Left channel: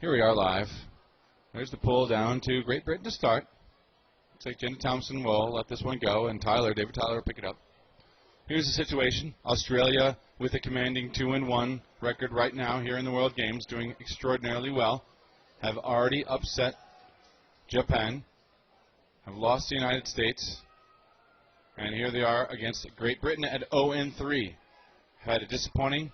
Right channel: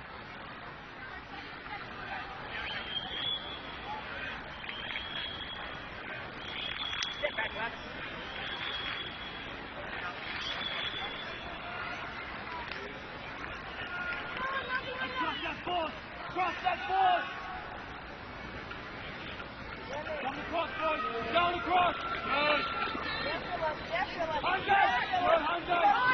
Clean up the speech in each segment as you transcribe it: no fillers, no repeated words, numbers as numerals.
Here we are live. There's the pull down to Great Britain to start. Looks like Jen Thompson will let this one go, and David Tyler will pick it up. Here's the situation. Australia with a commanding 2-1 record right now here in the World Games, doing extraordinarily well. Have already upset Japan, lost the United States, and here they are against Great Britain at 0-3. Had a disappointing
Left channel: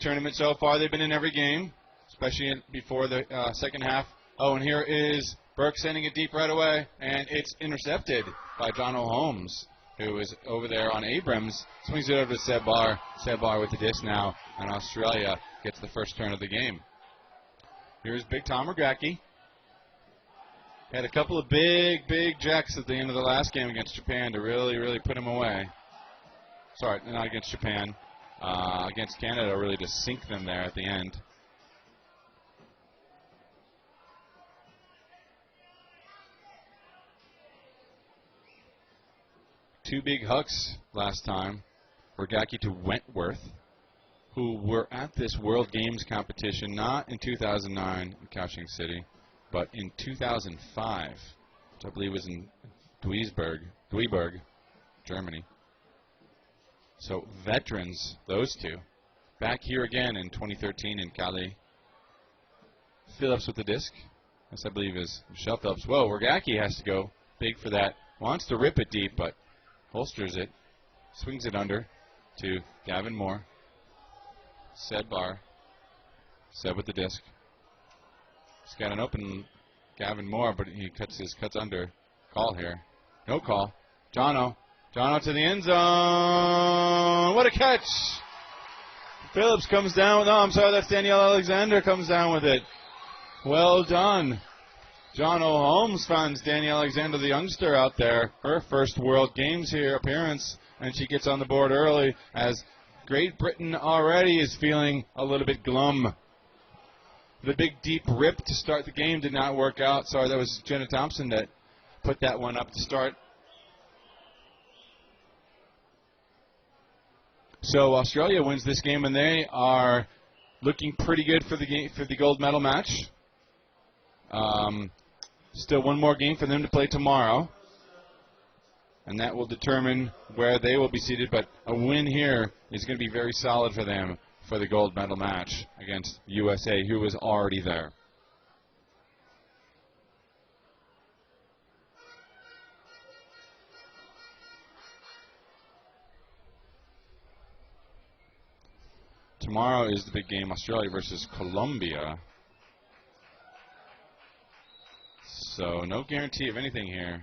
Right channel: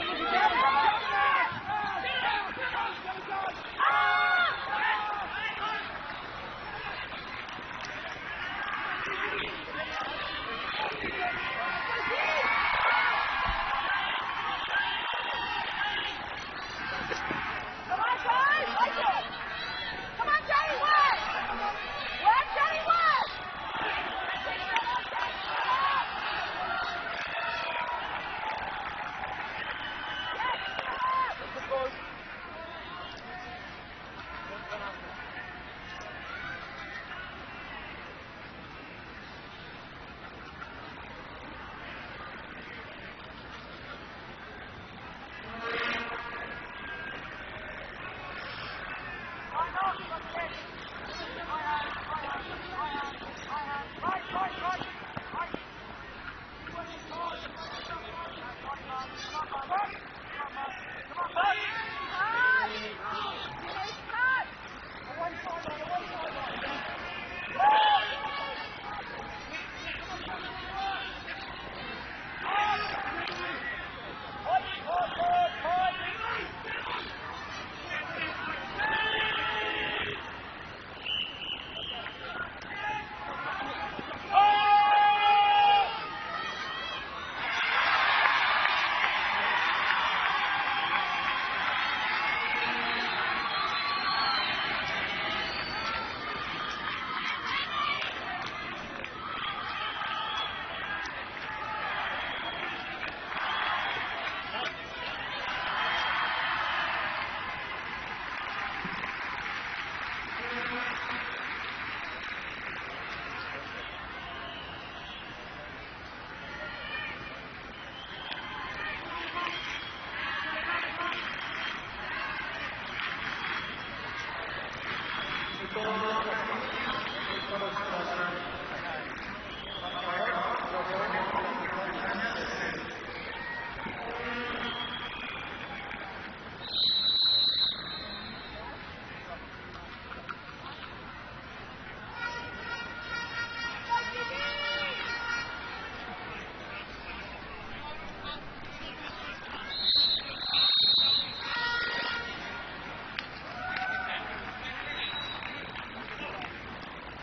tournament so far. They've been in every game, especially before the second half. Oh, and here is Burke sending it deep right away, and it's intercepted by Donald Holmes, who is over there on Abrams. Swings it over to Sebbar. Sebbar with the dish now, and Australia gets the first point of the game. Here's Big Tom McGrackie. Had a couple of big jacks at the end of the last game against Japan to really put them away. Sorry, not against Japan. Against Canada, really to sink them there at the end. Two big hugs last time. Regaki to Wentworth, who were at this World Games competition not in 2009 Caution City, but in 2005. I believe it was in Duisburg, Germany. So veterans, those two. Back here again in 2013 in Cali. Phillips with the disc. This, I believe, is Michelle Phillips. Whoa, Regaki has to go big for that. Wants to rip it deep, but holsters it. Swings it under to Gavin Moore. Sebbar. Seb with the disc. He's got an opening, Gavin Moore, but he cuts under. Call here. No call. Dono to the end zone. What a catch! Phillips comes down. Oh, I'm sorry, that's Danielle Alexander comes down with it. Well done. Donald Holmes finds Danielle Alexander, the youngster out there. Her first World Games here appearance, and she gets on the board early as Great Britain already is feeling a little bit glum. The big deep rip to start the game did not work out. Sorry, that was Jenna Thompson that put that one up to start. So Australia wins this game, and they are looking pretty good for the gold medal match. Still one more game for them to play tomorrow, and that will determine where they will be seated. But a win here is going to be very solid for them for the gold medal match against USA, who was already there. Tomorrow is the big game, Australia versus Colombia. So no guarantee of anything here.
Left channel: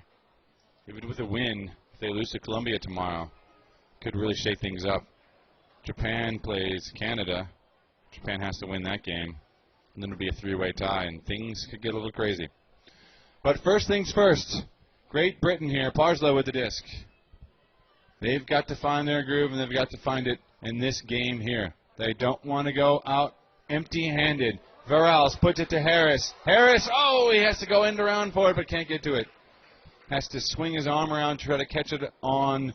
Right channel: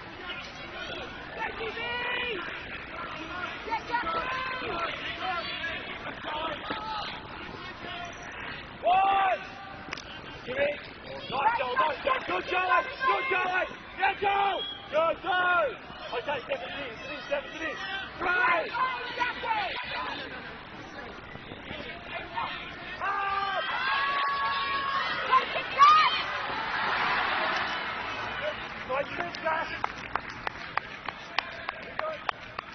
With a win, they lose to Colombia tomorrow. Could really shake things up. Japan plays Canada. Japan has to win that game. And then it'll be a three-way tie, and things could get a little crazy. But first things first. Great Britain here. Parslow with the disc. They've got to find their groove, and they've got to find it in this game here. They don't want to go out empty-handed. Varales puts it to Harris. Harris, oh, he has to go end around for it, but can't get to it. Has to swing his arm around to try to catch it on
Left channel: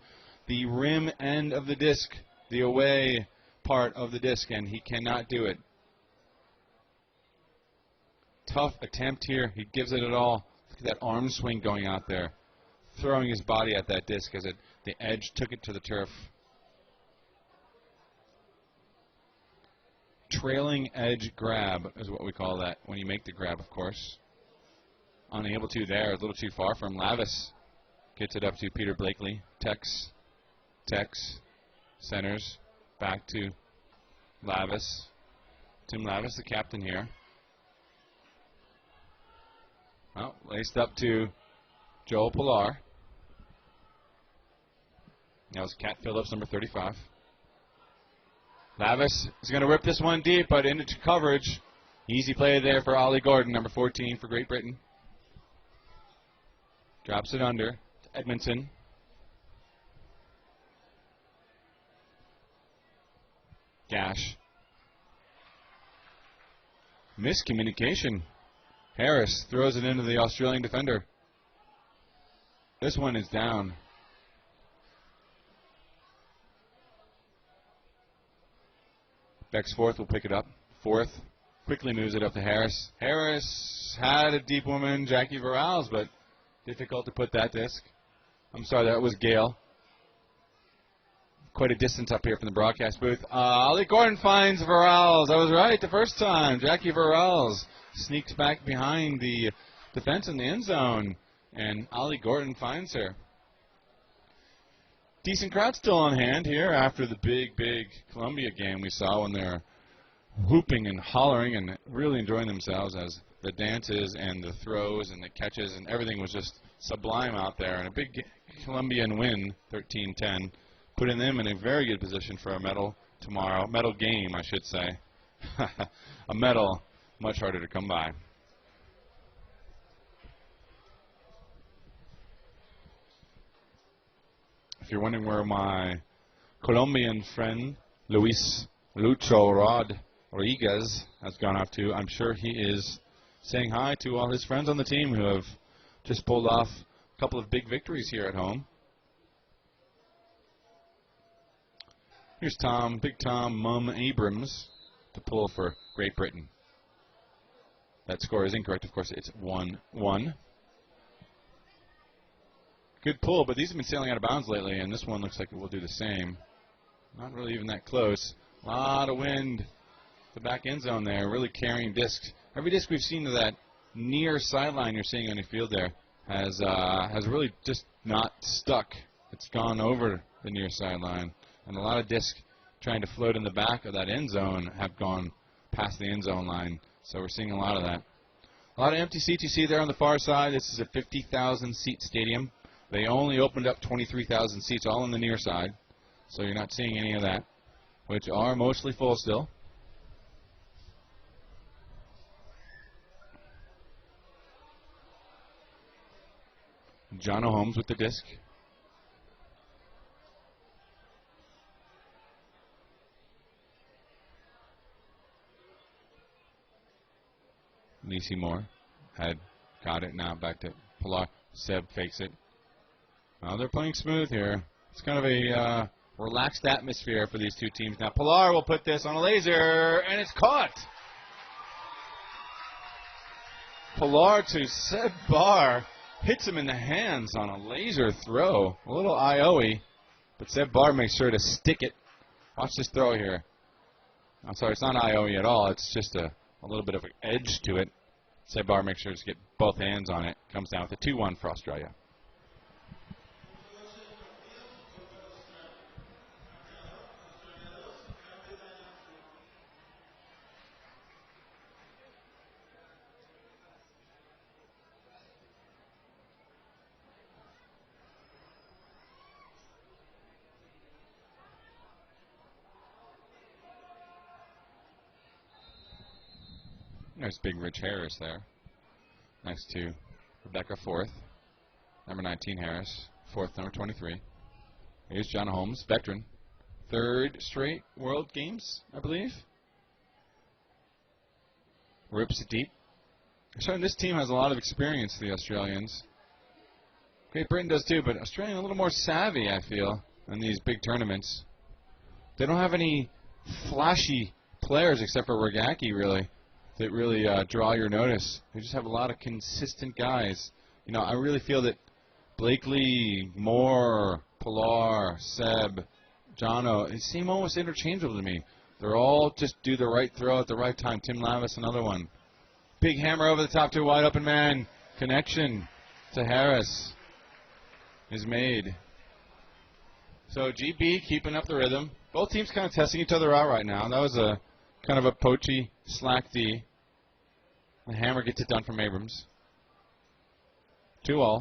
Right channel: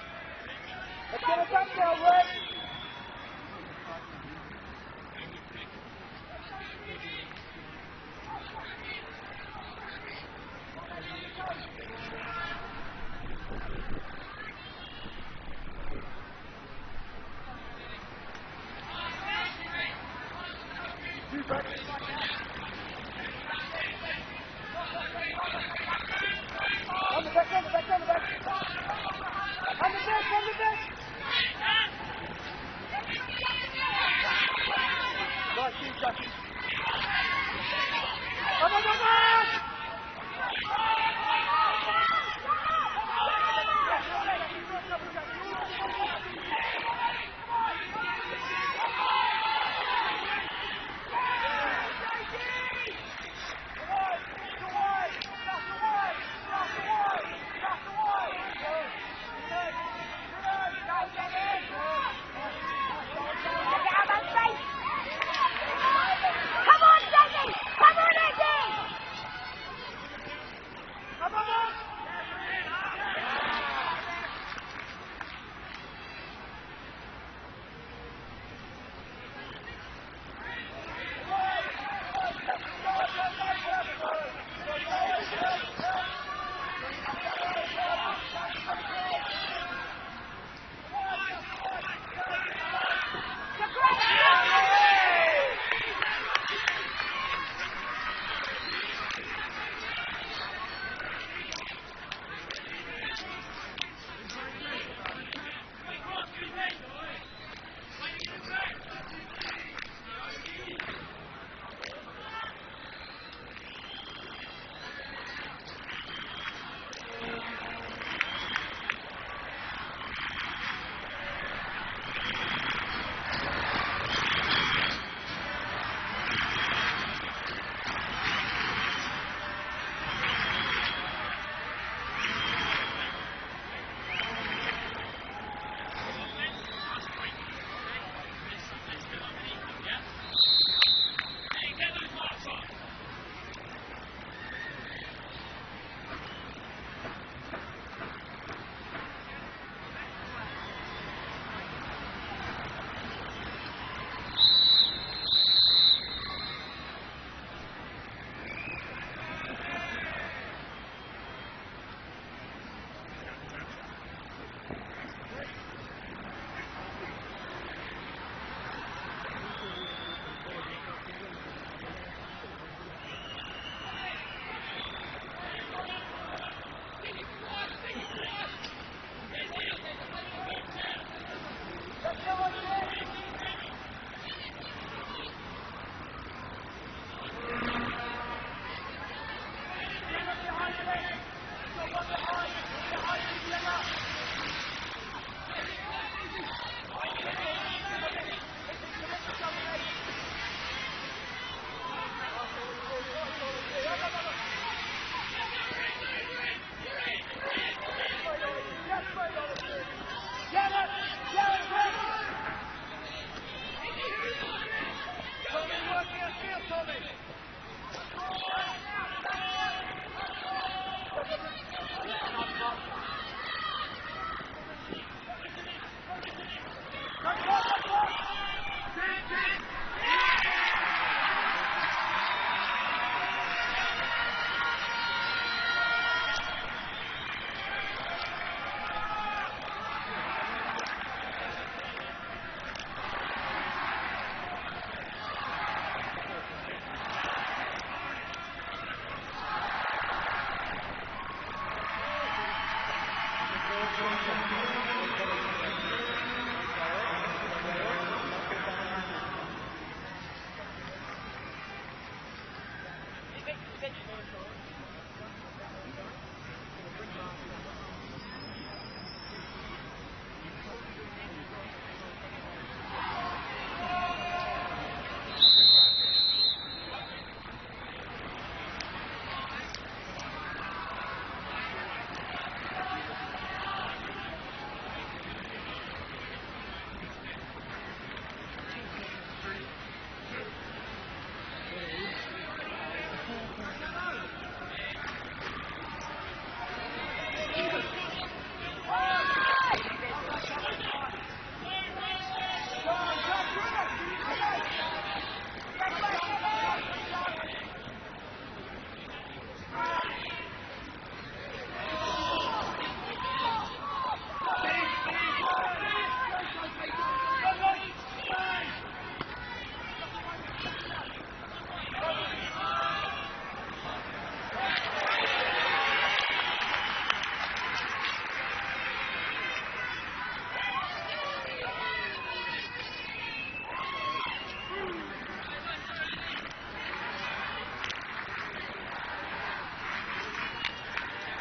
the rim end of the disc, the away part of the disc, and he cannot do it. Tough attempt here. He gives it all. That arm swing going out there, throwing his body at that disc as the edge took it to the turf. Trailing edge grab is what we call that, when you make the grab, of course. On the other two there, a little too far from Mavis. Gets it up to Peter Blakely. Tex. Centers. Back to Mavis. The captain here. Oh, laced up to Joel Pilar. There's Cat Phillips, number 35. Mavis is going to rip this one deep, but into coverage. Easy play there for Ollie Gordon, number 14 for Great Britain. Drops it under. Edmondson. Dash. Miscommunication. Harris throws it into the Australian defender. This one is down. Bex Forth will pick it up. Forth Quickly moves it up to Harris. Harris had a deep woman, Jackie Varales, but difficult to put that disc. I'm sorry, that was Gale. Quite a distance up here from the broadcast booth. Ollie Gordon finds Varales. I was right the first time. Jackie Varales sneaked back behind the defense in the end zone, and Ollie Gordon finds her. Decent crowd still on hand here after the big Colombia game we saw when they were whooping and hollering and really enjoying themselves as the dances and the throws and the catches and everything was just sublime out there. And a big Colombian win, 13-10, putting them in a very good position for a medal tomorrow. Medal game, I should say. A medal, much harder to come by. If you're wondering where my Colombian friend Luis Lucho Rodriguez has gone up to, I'm sure he is saying hi to all his friends on the team who have just pulled off a couple of big victories here at home. Here's Big Tom Mum Abrams to pull for Great Britain. That score is incorrect, of course. It's 1-1. Good pull, but these have been sailing out of bounds lately, and this one looks like it will do the same. Not really even that close. Lot of wind. The back end zone there, really carrying discs. Every disc we've seen to that near sideline you're seeing on the field there has really just not stuck. It's gone over the near sideline. And a lot of discs trying to float in the back of that end zone have gone past the end zone line. So we're seeing a lot of that. A lot of empty seats you see there on the far side. This is a 50,000 seat stadium. They only opened up 23,000 seats all on the near side. So you're not seeing any of that, which are mostly full still. John Holmes with the disc. Nisi Moore had got it now back to Pilar. Seb takes it. Now they're playing smooth here. It's kind of a relaxed atmosphere for these two teams. Now Pilar will put this on a laser, and it's caught. Pilar to Seb Barr. Hits him in the hands on a laser throw. A little IO-y. But Seb Barr makes sure to stick it. Watch this throw here. I'm sorry, it's not IO-y at all. It's just a little bit of an edge to it. Seb Barr makes sure to get both hands on it. Comes down with a 2-1 crossbar. There's big Rich Harris, though. Next to Rebecca Forth. Number 19 Harris. Forth, number 23. Here's John Holmes, veteran. Third straight World Games, I believe. Rips it deep. So this team has a lot of experience, the Australians. Great Britain does too, but Australia a little more savvy, I feel, in these big tournaments. They don't have any flashy players except for Regaki, really, that really draw your notice. They just have a lot of consistent guys. You know, I really feel that Blakely, Moore, Pilar, Seb, Jono, and seem almost interchangeable to me. They're all just do the right throw at the right time. Tim Lavis, another one. Big hammer over the top to a wide open man. Connection to Harris is made. So GB keeping up the rhythm. Both teams kind of testing each other out right now. That was a kind of a poachy slack D. And hammer gets it done from Abrams. 2-all.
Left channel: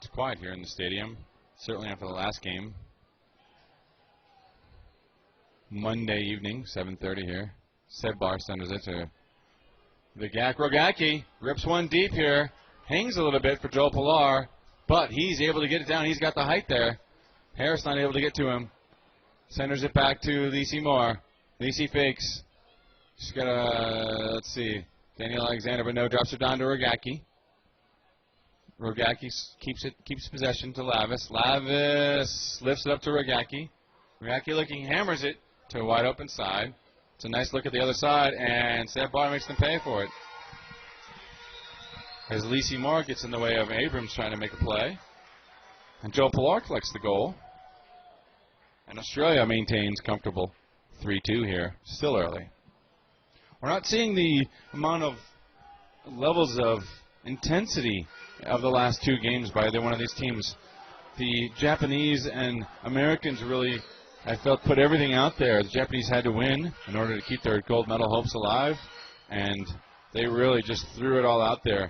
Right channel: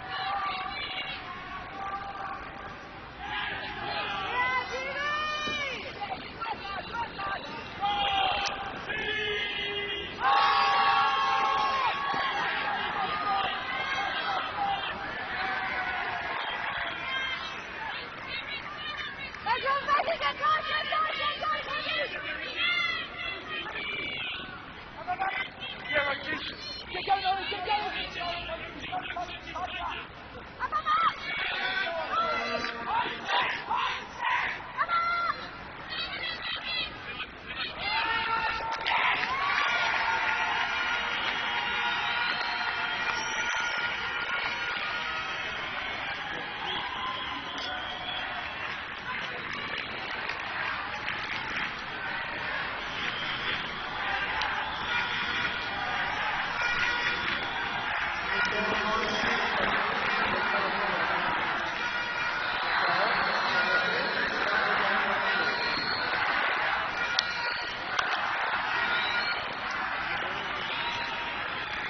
It's quiet here in the stadium. Certainly after the last game. Monday evening, 7:30 here. Sedbar sends it to Wagaki. Rips one deep here. Hangs a little bit for Joe Pilar, but he's able to get it down. He's got the height there. Harris not able to get to him. Centers it back to Lisi Moore. Lisi fakes. She's got a, let's see, Daniel Alexander, but no, drops it down to Wagaki. Wagaki keeps possession to Lavis. Lavis lifts it up to Wagaki. Wagaki looking, hammers it to a wide open side. It's a nice look at the other side, and Sedbar makes them pay for it. As Lisi Moore gets in the way of Abrams trying to make a play. And Joe Pilar collects the goal. And Australia maintains comfortable 3-2 here. Still early. We're not seeing the amount of levels of intensity of the last two games by either one of these teams. The Japanese and Americans really, I felt, put everything out there. The Japanese had to win in order to keep their gold medal hopes alive, and they really just threw it all out there.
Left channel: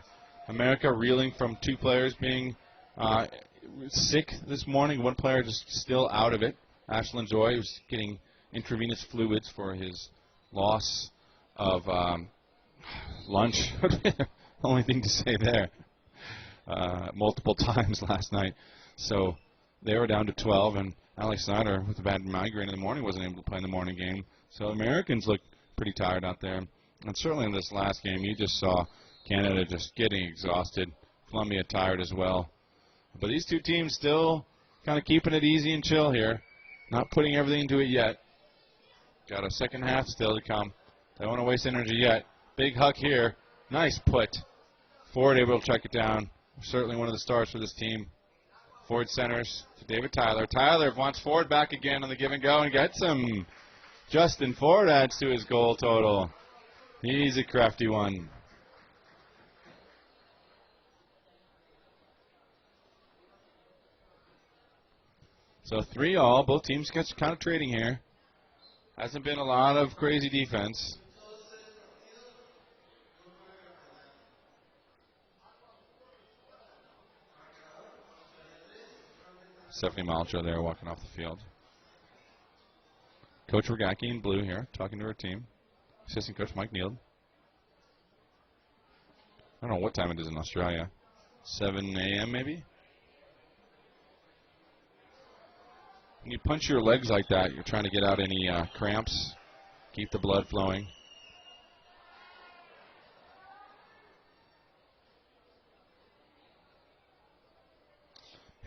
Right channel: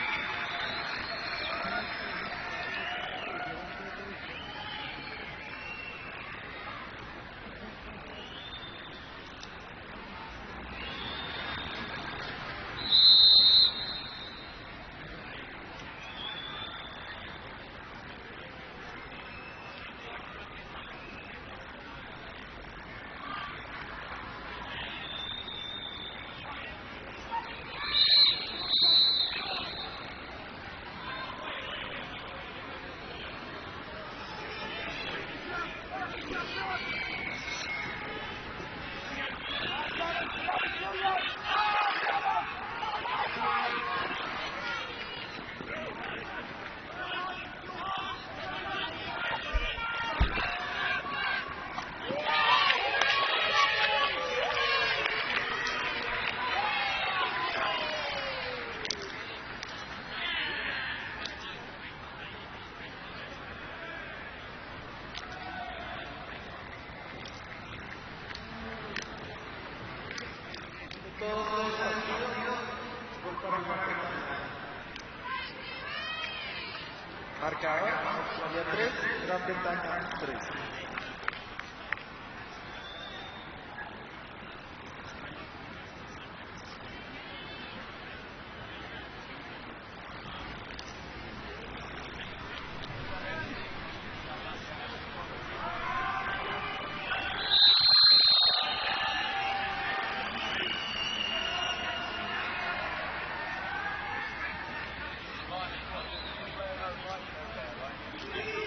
America reeling from two players being sick this morning. One player just still out of it. Ashland Joy was getting intravenous fluids for his loss of lunch. Only thing to say there. Multiple times last night. So they were down to 12, and Alex Snyder with a bad migraine in the morning wasn't able to play in the morning game. So Americans look pretty tired out there. And certainly in this last game, you just saw Canada just getting exhausted. Colombia tired as well. But these two teams still kind of keeping it easy and chill here. Not putting everything into it yet. Got a second half still to come. Don't want to waste energy yet. Big Huck here. Nice put. Ford able to check it down. Certainly one of the stars for this team. Ford centers. David Tyler. Tyler wants Ford back again on the give and go and gets him. Justin Ford adds to his goal total. He's a crafty one. So 3-3. Both teams get kind of trading here. Hasn't been a lot of crazy defense. Second Malcha there walking off the field. Coach Wagaki in blue here, talking to her team. Assistant coach Mike Neal. I don't know what time it is in Australia. 7 a.m. maybe? When you punch your legs like that, you're trying to get out any cramps, keep the blood flowing.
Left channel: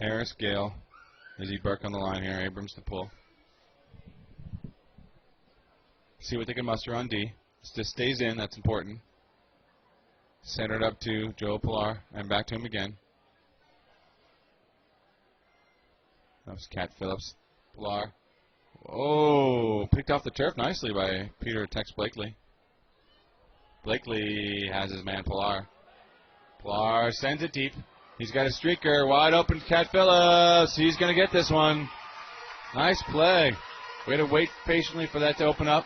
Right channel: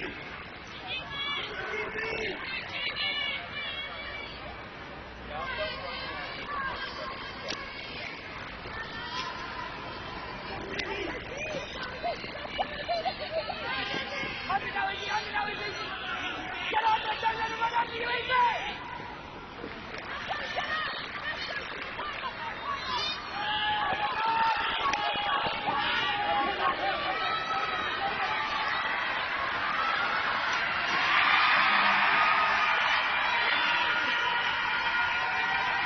Harris, Gale, Izzy Burke on the line here, Abrams to pull. See what they can muster on D. If this stays in, that's important. Centered up to Joe Pilar, and back to him again. Oh, picked off the turf nicely by Peter Tex Blakely. Blakely has his man Pilar. Pilar sends it deep. He's got a streaker, wide open, Cat Phillips. He's going to get this one. Nice play. He had to wait patiently for that to open up.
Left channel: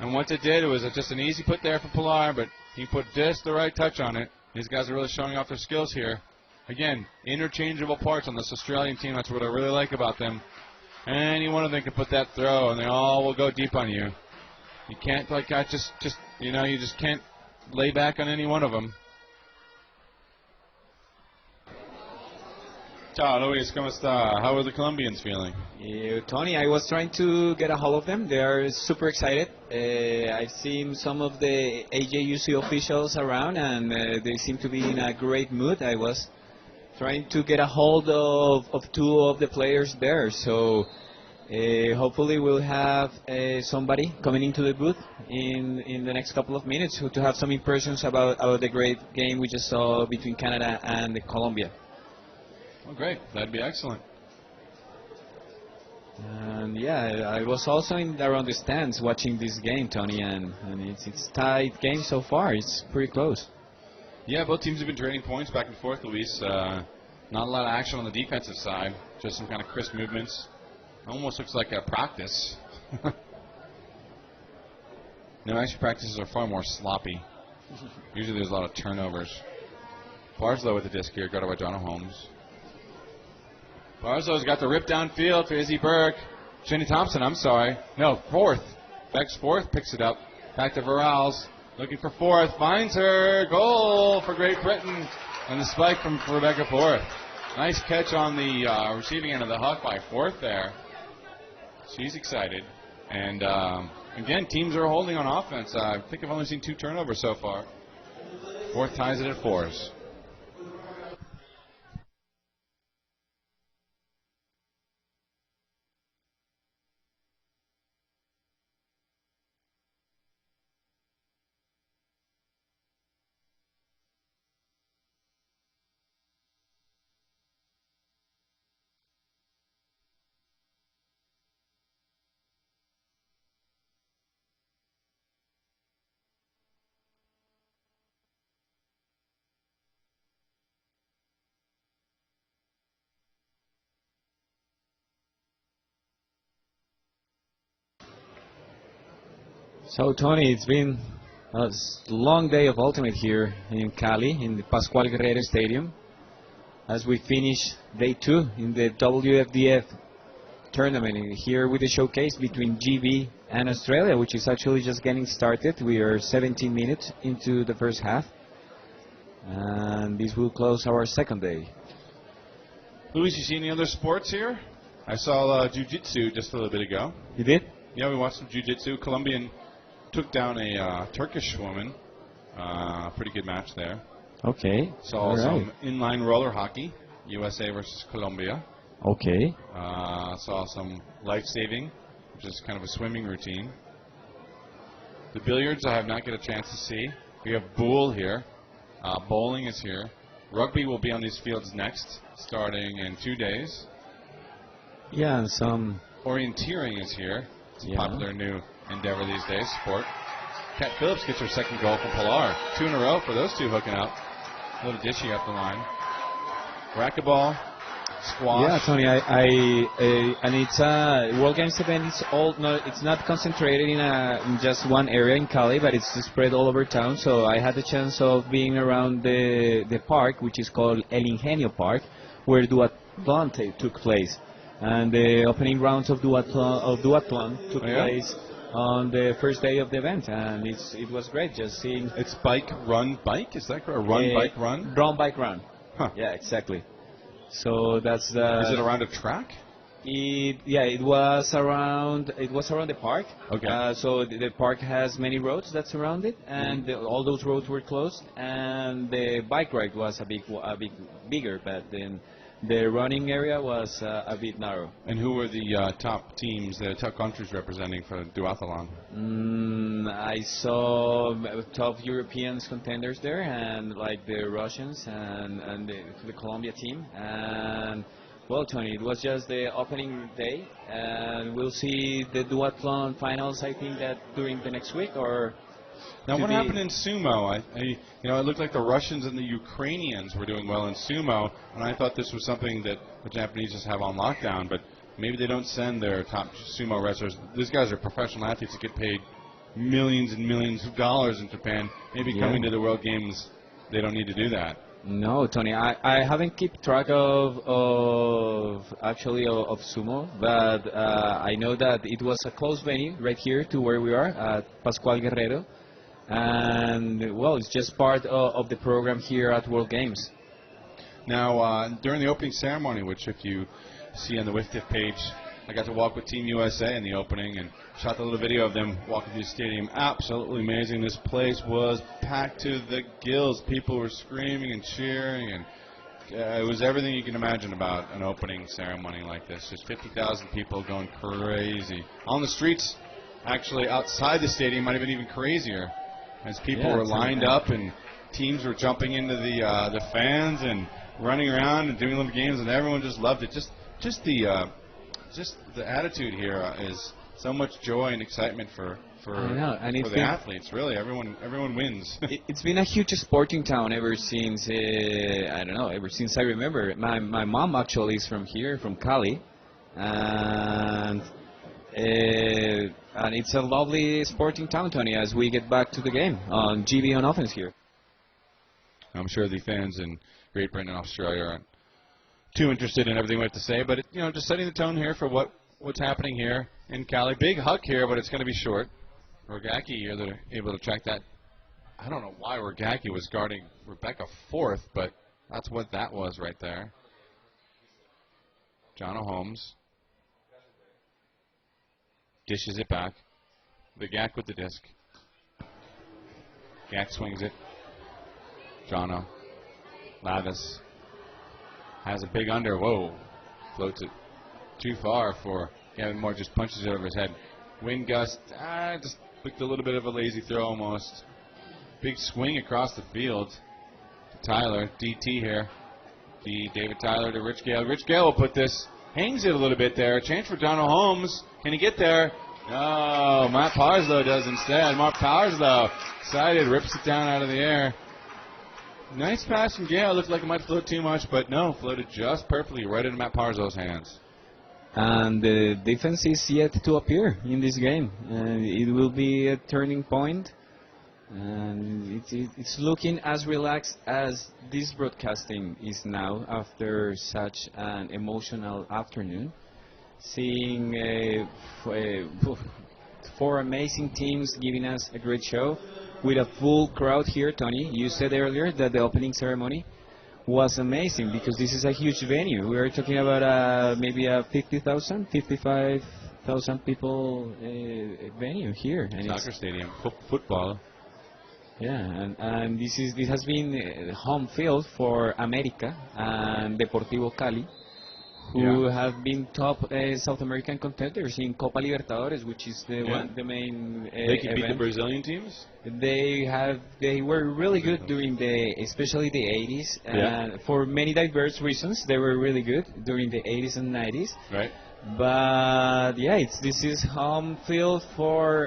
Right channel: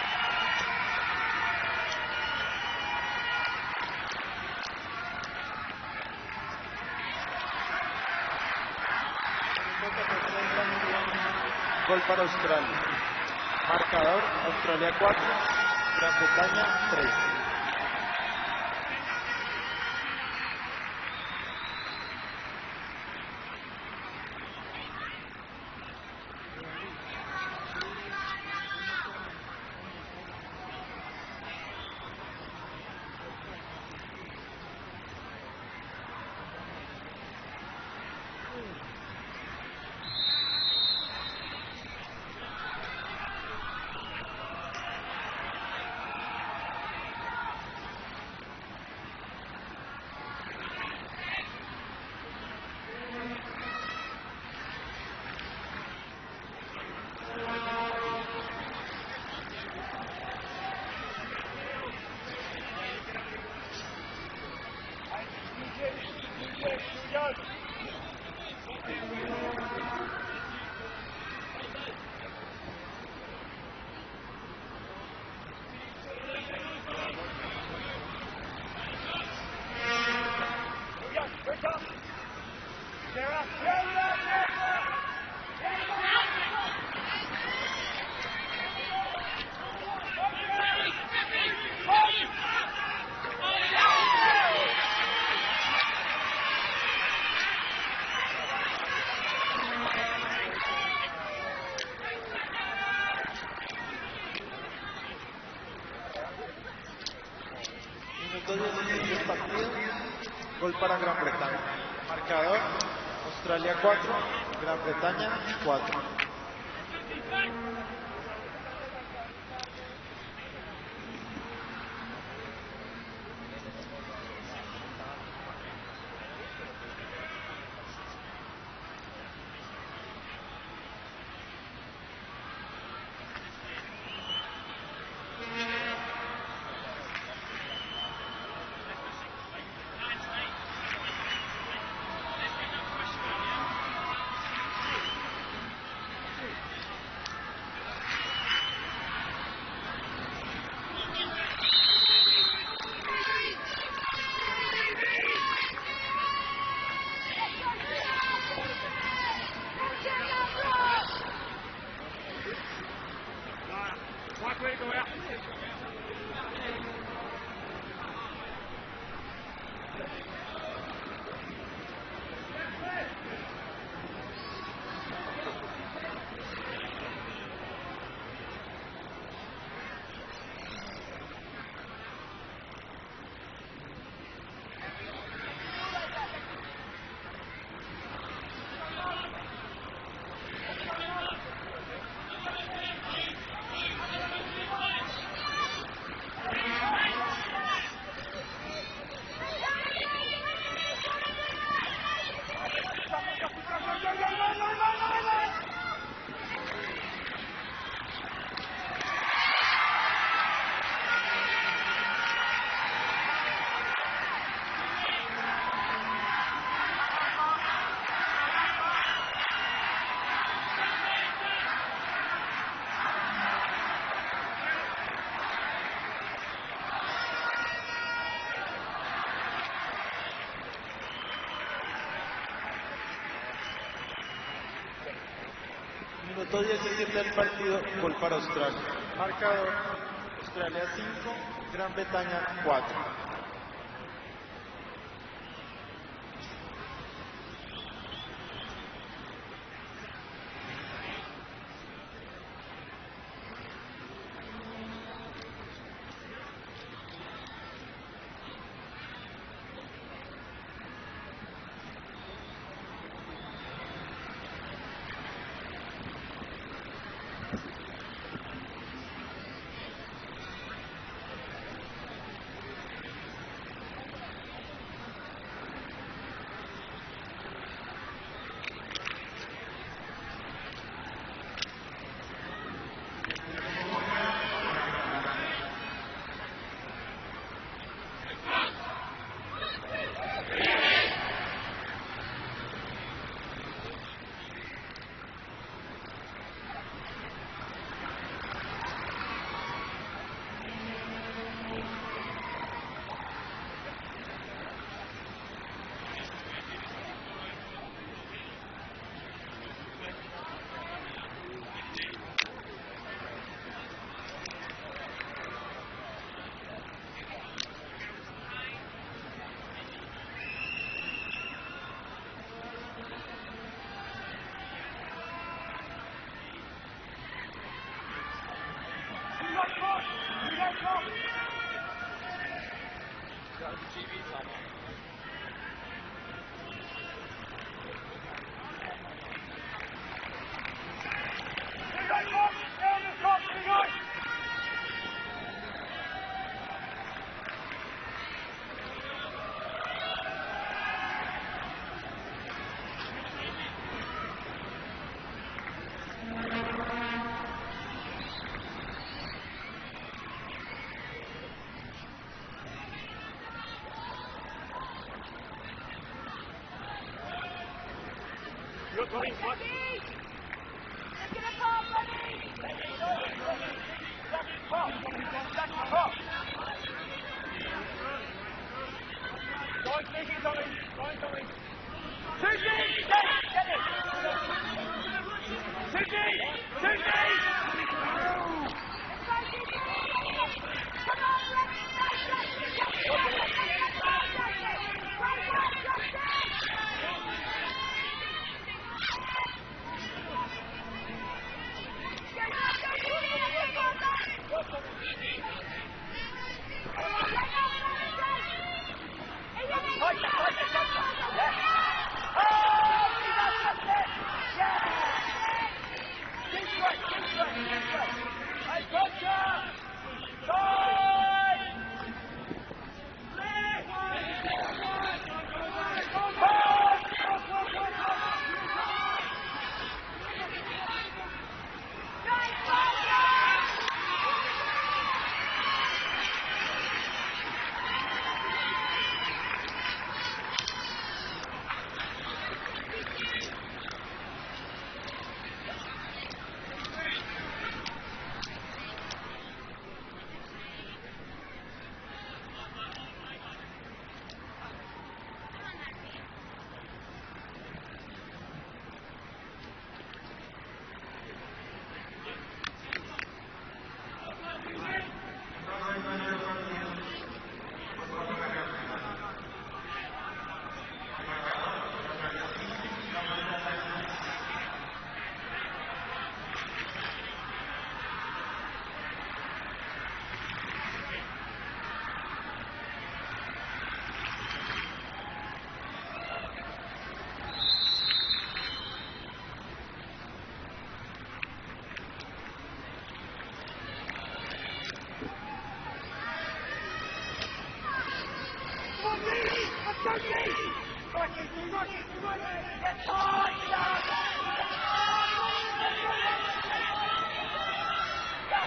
And once it did, it was just an easy put there for Pilar, but he put just the right touch on it. These guys are really showing off their skills here. Again, interchangeable parts on this Australian team. That's what I really like about them. Any one of them can put that throw, and they all will go deep on you. You can't like that. Just you know, you just can't lay back on any one of them. Ciao, Luis, ¿cómo está? How are the Colombians feeling? Tony, I was trying to get a hold of them. They are super excited. I've seen some of the AJUC officials around, and they seem to be in a great mood. I was trying to get a hold of two of the players there, so hopefully we'll have somebody coming into the booth in the next couple of minutes to have some impressions about the great game we just saw between Canada and Colombia. Great, that'd be excellent. Yeah, I was also around the stands watching this game, Tony, and it's a tight game so far. It's pretty close. Yeah, both teams have been trading points back and forth, Luis. Not a lot of action on the defensive side. Just some kind of crisp movements. Almost looks like a practice. Actually, practices are far more sloppy. Usually there's a lot of turnovers. Barslow with the disc here, got it by Donna Holmes. Barzo's got the rip downfield for Izzy Berg. Jenny Thompson, I'm sorry. No, fourth. Beck's fourth picks it up. Back to Varals. Looking for fourth. Finds her. Goal for Great Britain. And the spike from Rebecca Fourth. Nice catch on the receiving end of the Hawkeye. Fourth there. She's excited. And again, teams are holding on offense. I think I've only seen 2 turnovers so far. Fourth ties it at 4. Gol para Gran Bretaña. Marcador, Australia 4, Gran Bretaña 4. So Tony, it's been a long day of ultimate here in Cali, in Pascual Guerrero Stadium, as we finish day 2 in the WFDF tournament here with the showcase between GB and Australia, which is actually just getting started. We are 17 minutes into the first half, and this will close our second day. Luis, you see any other sports here? I saw jiu-jitsu just a little bit ago. You did? Yeah, we watched some jiu-jitsu. Colombian took down a Turkish woman. Pretty good match there. Okay. Saw some inline roller hockey, USA versus Colombia. Okay. Saw some life-saving, which is kind of a swimming routine. The billiards I have not get a chance to see. We have pool here. Bowling is here. Rugby will be on these fields next, starting in 2 days. Yeah, and some orienteering is here. It's a popular new endeavor these days, sport. Kat Phillips gets her second goal from Pilar. 2 in a row for those two hooking up. A little dishy after line. Racquetball, squash. Yeah, Tony, and it's a World Games event. It's not concentrated in just one area in Cali, but it's spread all over town. So I had the chance of being around the park, which is called El Ingenio Park, where duathlon took place. And the opening rounds of duathlon took place on the first day of the event, and it was great just seeing. It's bike, run, bike. Is that correct? Run, bike, run. Run, bike, run. Huh. Yeah, exactly. So that's the. Is it around a track? It was around the park. Okay. So the park has many roads that surround it, and all those roads were closed, and the bike ride was a bit bigger, but then the running area was a bit narrow. And who were the top teams, the top countries representing for duathlon? I saw top European contenders there, and like the Russians and the Colombia team. And well, Tony, it was just the opening day, and we'll see the duathlon finals. I think that during the next week or. Now, what happened in sumo? It looked like the Russians and the Ukrainians were doing well in sumo, and I thought this was something that the Japanese just have on lockdown, but maybe they don't send their top sumo wrestlers. These guys are professional athletes that get paid millions and millions of dollars in Japan. Maybe coming to the World Games, they don't need to do that. No, Tony, I haven't kept track of sumo, but I know that it was a close venue right here to where we are at Pascual Guerrero. And well, it's just part of the program here at World Games. Now, during the opening ceremony, which if you see on the WIFTIF page, I got to walk with Team USA in the opening and shot a little video of them walking through the stadium. Absolutely amazing. This place was packed to the gills. People were screaming and cheering, and it was everything you can imagine about an opening ceremony like this. Just 50,000 people going crazy. On the streets, actually outside the stadium, might have been even crazier. As people were lined up and teams were jumping into the fans and running around and doing little games, and everyone just loved it. Just the attitude here is so much joy and excitement for the athletes. Really, everyone wins. It's been a huge sporting town ever since ever since I remember. My mom actually is from here, from Cali, and it's a lovely sporting town, Tony, as we get back to the game on GB on offense here. I'm sure the fans in Great Britain and Australia are too interested in everything we have to say, but just setting the tone here for what's happening here in Cali. Big hug here, but it's going to be short. Rogacki able to track that. I don't know why Rogacki was guarding Rebecca fourth, but that's what that was right there. Donna Holmes dishes it back. Rogacki with the disc. Rogacki swings it. Jono. Travis has a big under. Whoa. Floats it too far for Aaron Moore. Just punches it over his head. Wind gust. Just took a little bit of a lazy throw almost. Big swing across the field. Tyler, DT here. David Tyler to Rich Gale. Rich Gale will put this. Hangs it a little bit there. Chance for Donald Holmes. Can he get there? Oh, Matt Parslow does instead. Mark Parslow excited, rips it down out of the air. Nice pass from Gale. Looks like it might float too much, but no, floated just perfectly right into Matt Parzlow's hands. And the defense is yet to appear in this game, and it will be a turning point. And it's looking as relaxed as this broadcasting is now after such an emotional afternoon. Seeing four amazing teams giving us a great show with a full crowd here. Tony, you said earlier that the opening ceremony was amazing because this is a huge venue. We are talking about maybe a 55,000 people venue here. Soccer stadium, football. Yeah, and this has been home field for America and Deportivo Cali, who have been top South American contenders in Copa Libertadores, which is the main They could beat the event. Brazilian teams? They were really good during especially the 80s. For many diverse reasons, they were really good during the 80s and 90s. Right. But yeah, this is home field for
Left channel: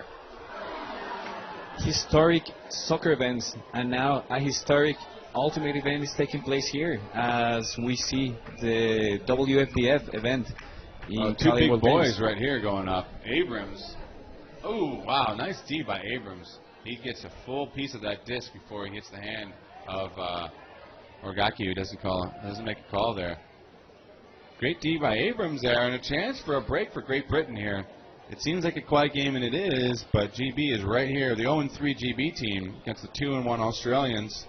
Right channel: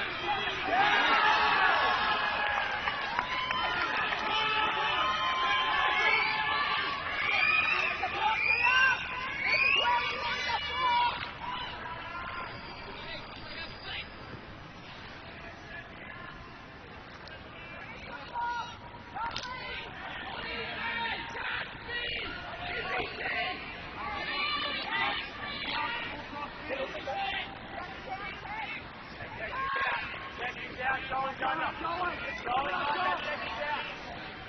historic soccer events, and now a historic ultimate event is taking place here as we see the WFBF event. Two big boys right here going up. Abrams. Oh, wow. Nice D by Abrams. He gets a full piece of that disc before he hits the hand of Rogacki, who doesn't make a call there. Great D by Abrams there, and a chance for a break for Great Britain here. It seems like a quiet game, and it is, but GB is right here. The 0-3 GB team against the 2-1 Australians.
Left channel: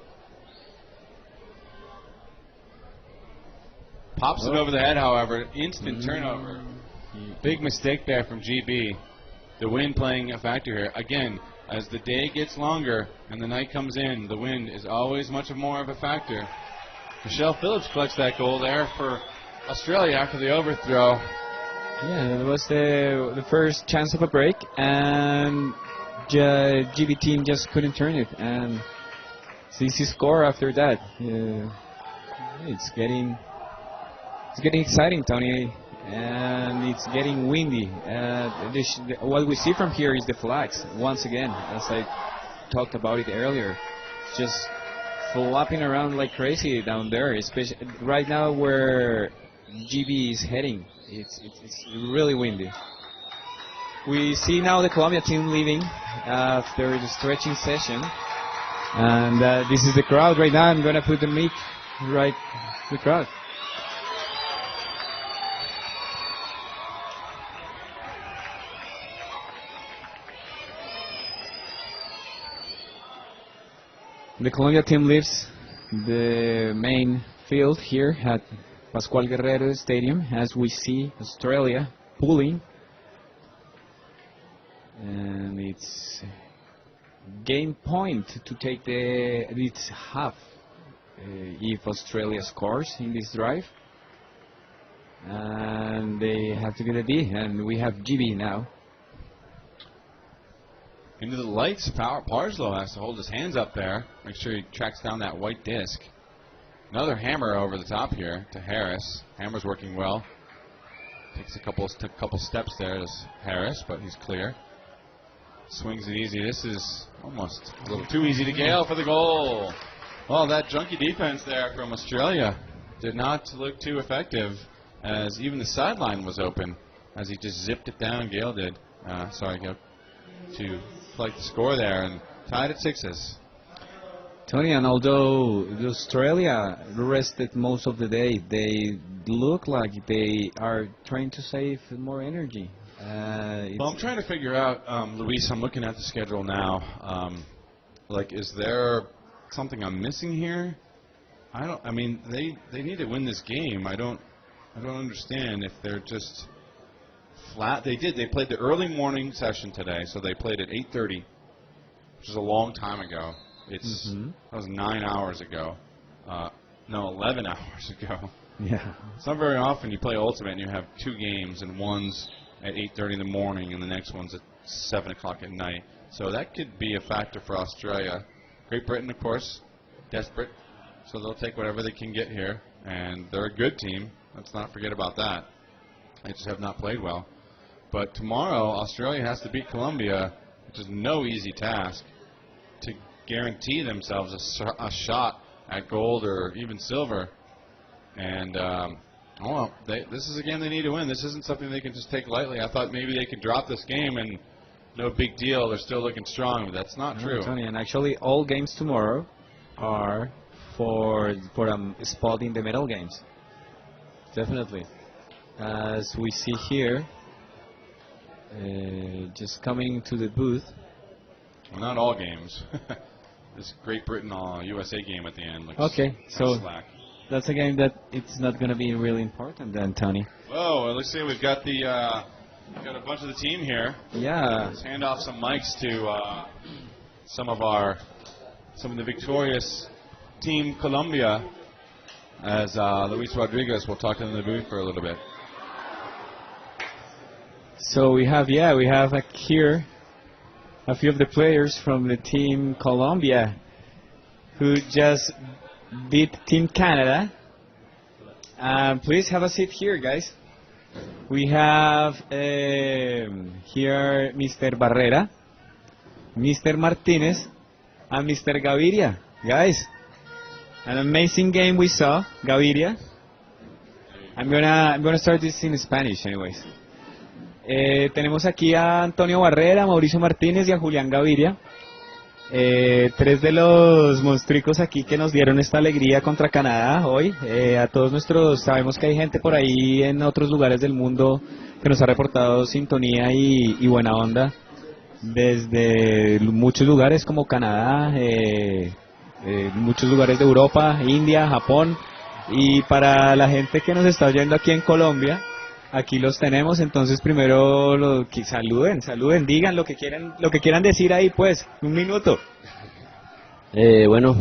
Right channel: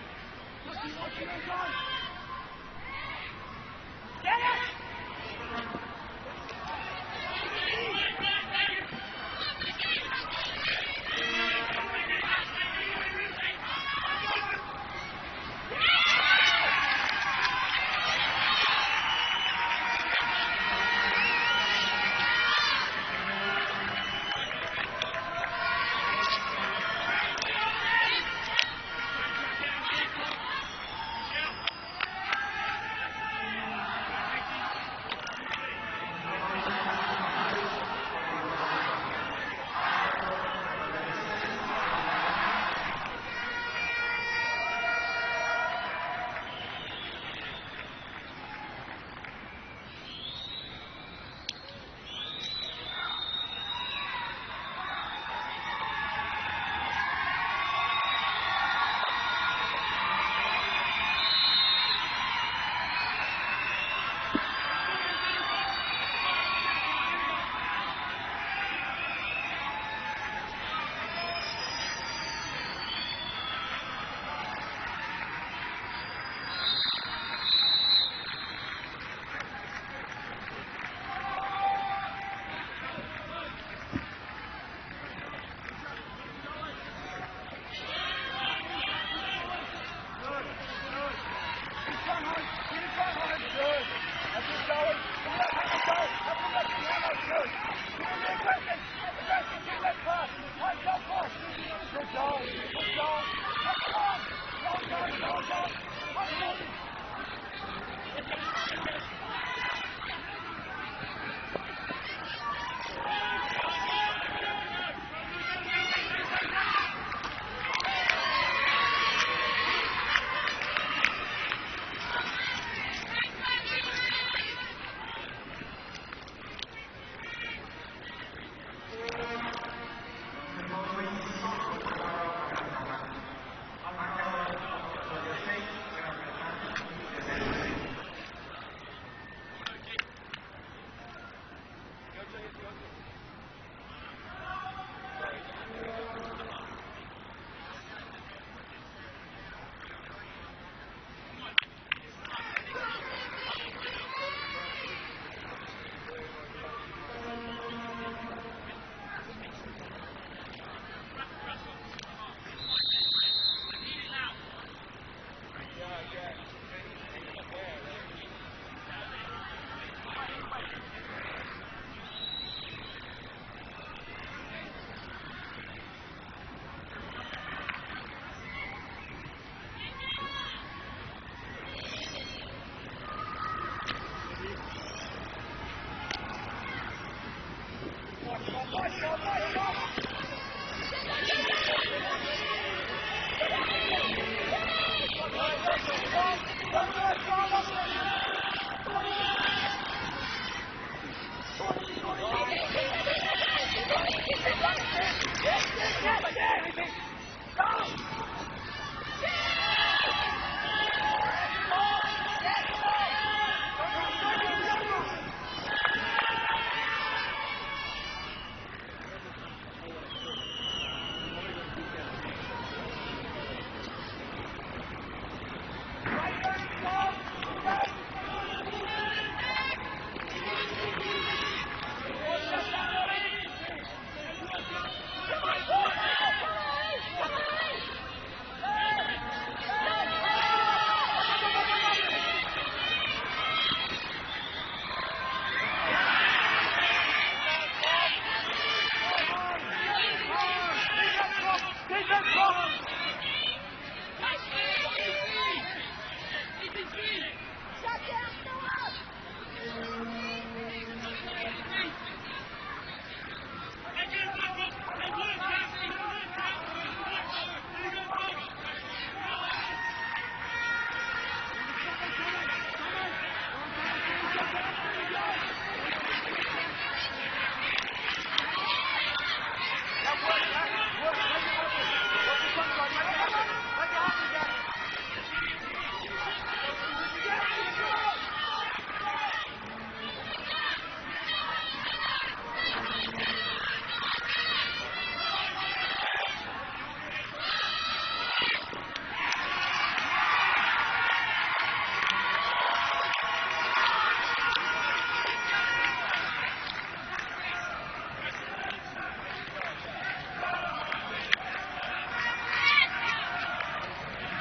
Pops it over the head, however. Instant turnover. Big mistake there from GB. The wind playing a factor here. Again, as the day gets longer and the night comes in, the wind is always much more of a factor. Michelle Phillips clutched that goal there for Australia after the overthrow. Yeah, it was the first chance of a break, and GB team just couldn't turn it. And CC score after that. It's getting exciting, Tony, and it's getting windy. What we see from here is the flags once again, as I talked about it earlier, just flapping around like crazy down there, especially right now where GB is heading. It's really windy. We see now the Colombia team leaving after the stretching session, and this is the crowd right now. I'm gonna put the mic right in the crowd. The Colombia team leaves the main field here at Pascual Guerrero Stadium as we see Australia pulling, and it's game point to take its half if Australia scores in this drive, and they have to do the B, and we have GB now. Under the lights, Parslow has to hold his hands up there. Make sure he tracks down that white disc. Another hammer over the top here to Harris. Hammer's working well. Takes took a couple steps there to Harris, but he's clear. Swings it easy. This is almost a little too easy to Gale for the goal. Well, that junky defense there from Australia did not look too effective, as even the sideline was open as he just zipped it down. Gale did. To like the score there and tied at sixes. Tony, and although Australia rested most of the day, look like they are trying to save more energy. Well, I'm trying to figure out, Luis, I'm looking at the schedule now. Like, is there something I'm missing here? I mean, they need to win this game. I don't understand if they're just flat. They played the early morning session today, so they played at 8:30, which is a long time ago. That was 9 hours ago. No, 11 hours ago. Yeah. It's not very often you play Ultimate and you have 2 games, and one's at 8:30 in the morning and the next one's at 7 o'clock at night. So that could be a factor for Australia. Great Britain, of course, desperate. So they'll take whatever they can get here, and they're a good team. Let's not forget about that. They just have not played well. But tomorrow, Australia has to beat Colombia, which is no easy task, to guarantee themselves a shot at gold or even silver. And this is a game they need to win. This isn't something they can just take lightly. I thought maybe they could drop this game and no big deal. They're still looking strong. That's not true. And actually, all games tomorrow are for a spot in the medal games. Definitely. As we see here, just coming to the booth. Not all games. It's Great Britain USA game at the end. Okay, so that's a game that it's not going to be really important then, Tony. Oh, well, let's see. We've got the got a bunch of the team here. Yeah. Let's hand off some mics to some of the victorious team Colombia, as Luis Rodriguez will talk in the booth for a little bit. So we have here a few of the players from the team Colombia who just beat Team Canada. Please have a seat here, guys. We have here Mr. Barrera, Mr. Martinez, and Mr. Gaviria. Guys, an amazing game we saw, Gaviria. I'm gonna start this in Spanish, anyways. Tenemos aquí a Antonio Barrera, Mauricio Martínez y a Julián Gaviria. 3 de los monstruos aquí que nos dieron esta alegría contra Canadá hoy. A todos sabemos que hay gente por ahí en otros lugares del mundo que nos ha reportado sintonía y buena onda desde muchos lugares como Canadá, muchos lugares de Europa, India, Japón. Y para la gente que nos está oyendo aquí en Colombia, aquí los tenemos. Entonces primero saluden, digan lo que quieran decir ahí, pues, un minuto. Bueno,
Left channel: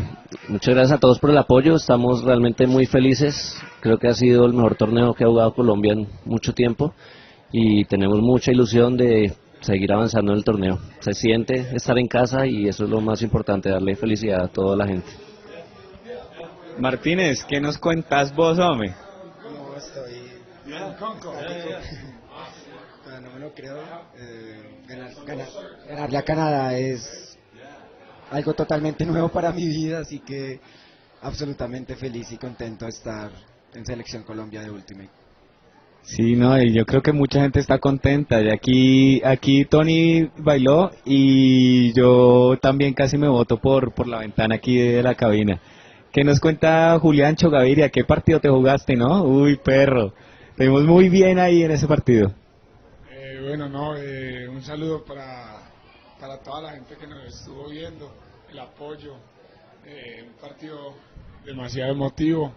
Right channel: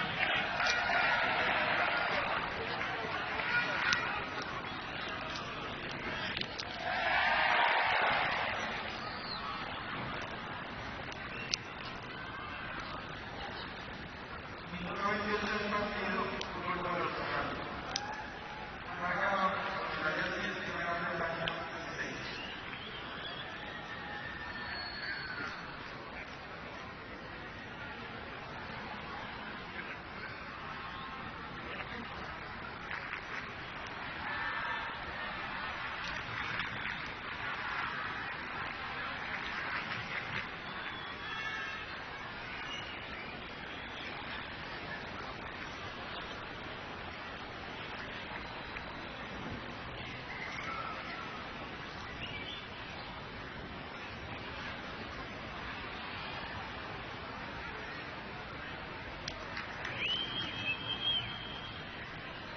muchas gracias a todos por el apoyo. Estamos realmente muy felices. Creo que ha sido el mejor torneo que ha jugado Colombia en mucho tiempo y tenemos mucha ilusión de seguir avanzando en el torneo. Se siente estar en casa y eso es lo más importante, darle felicidad a toda la gente. Martínez, ¿qué nos cuentas vos, hombre? Ganarle a Canadá es algo totalmente nuevo para mi vida, así que absolutamente feliz y contento de estar en Selección Colombia de último. Sí, no, y yo creo que mucha gente está contenta. Y aquí Tony bailó y yo también casi me boto por la ventana aquí de la cabina. ¿Qué nos cuenta Juliancho Gaviria? ¿Qué partido te jugaste, no? Uy, perro. Te vimos muy bien ahí en ese partido. Un saludo para toda la gente que nos estuvo viendo, el apoyo, un partido demasiado emotivo,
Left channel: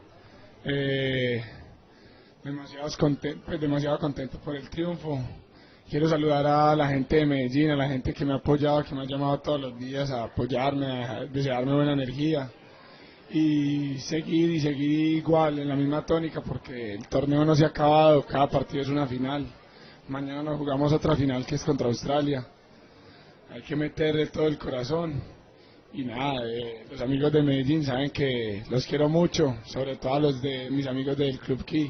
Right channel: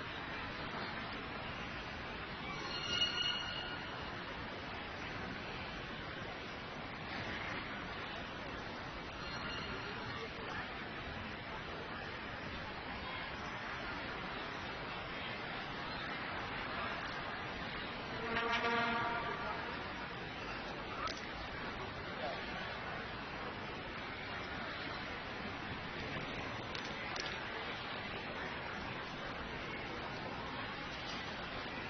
demasiado contento por el triunfo. Quiero saludar a la gente de Medellín, a la gente que me ha apoyado, que me ha llamado todos los días a apoyarme, a desearme buena energía y seguir igual en la misma tónica, porque el torneo no se ha acabado, cada partido es una final. Mañana nos jugamos otra final que es contra Australia. Hay que meterle todo el corazón. Y nada, los amigos de Medellín saben que los quiero mucho, sobre todo a los de mis amigos del Club Key,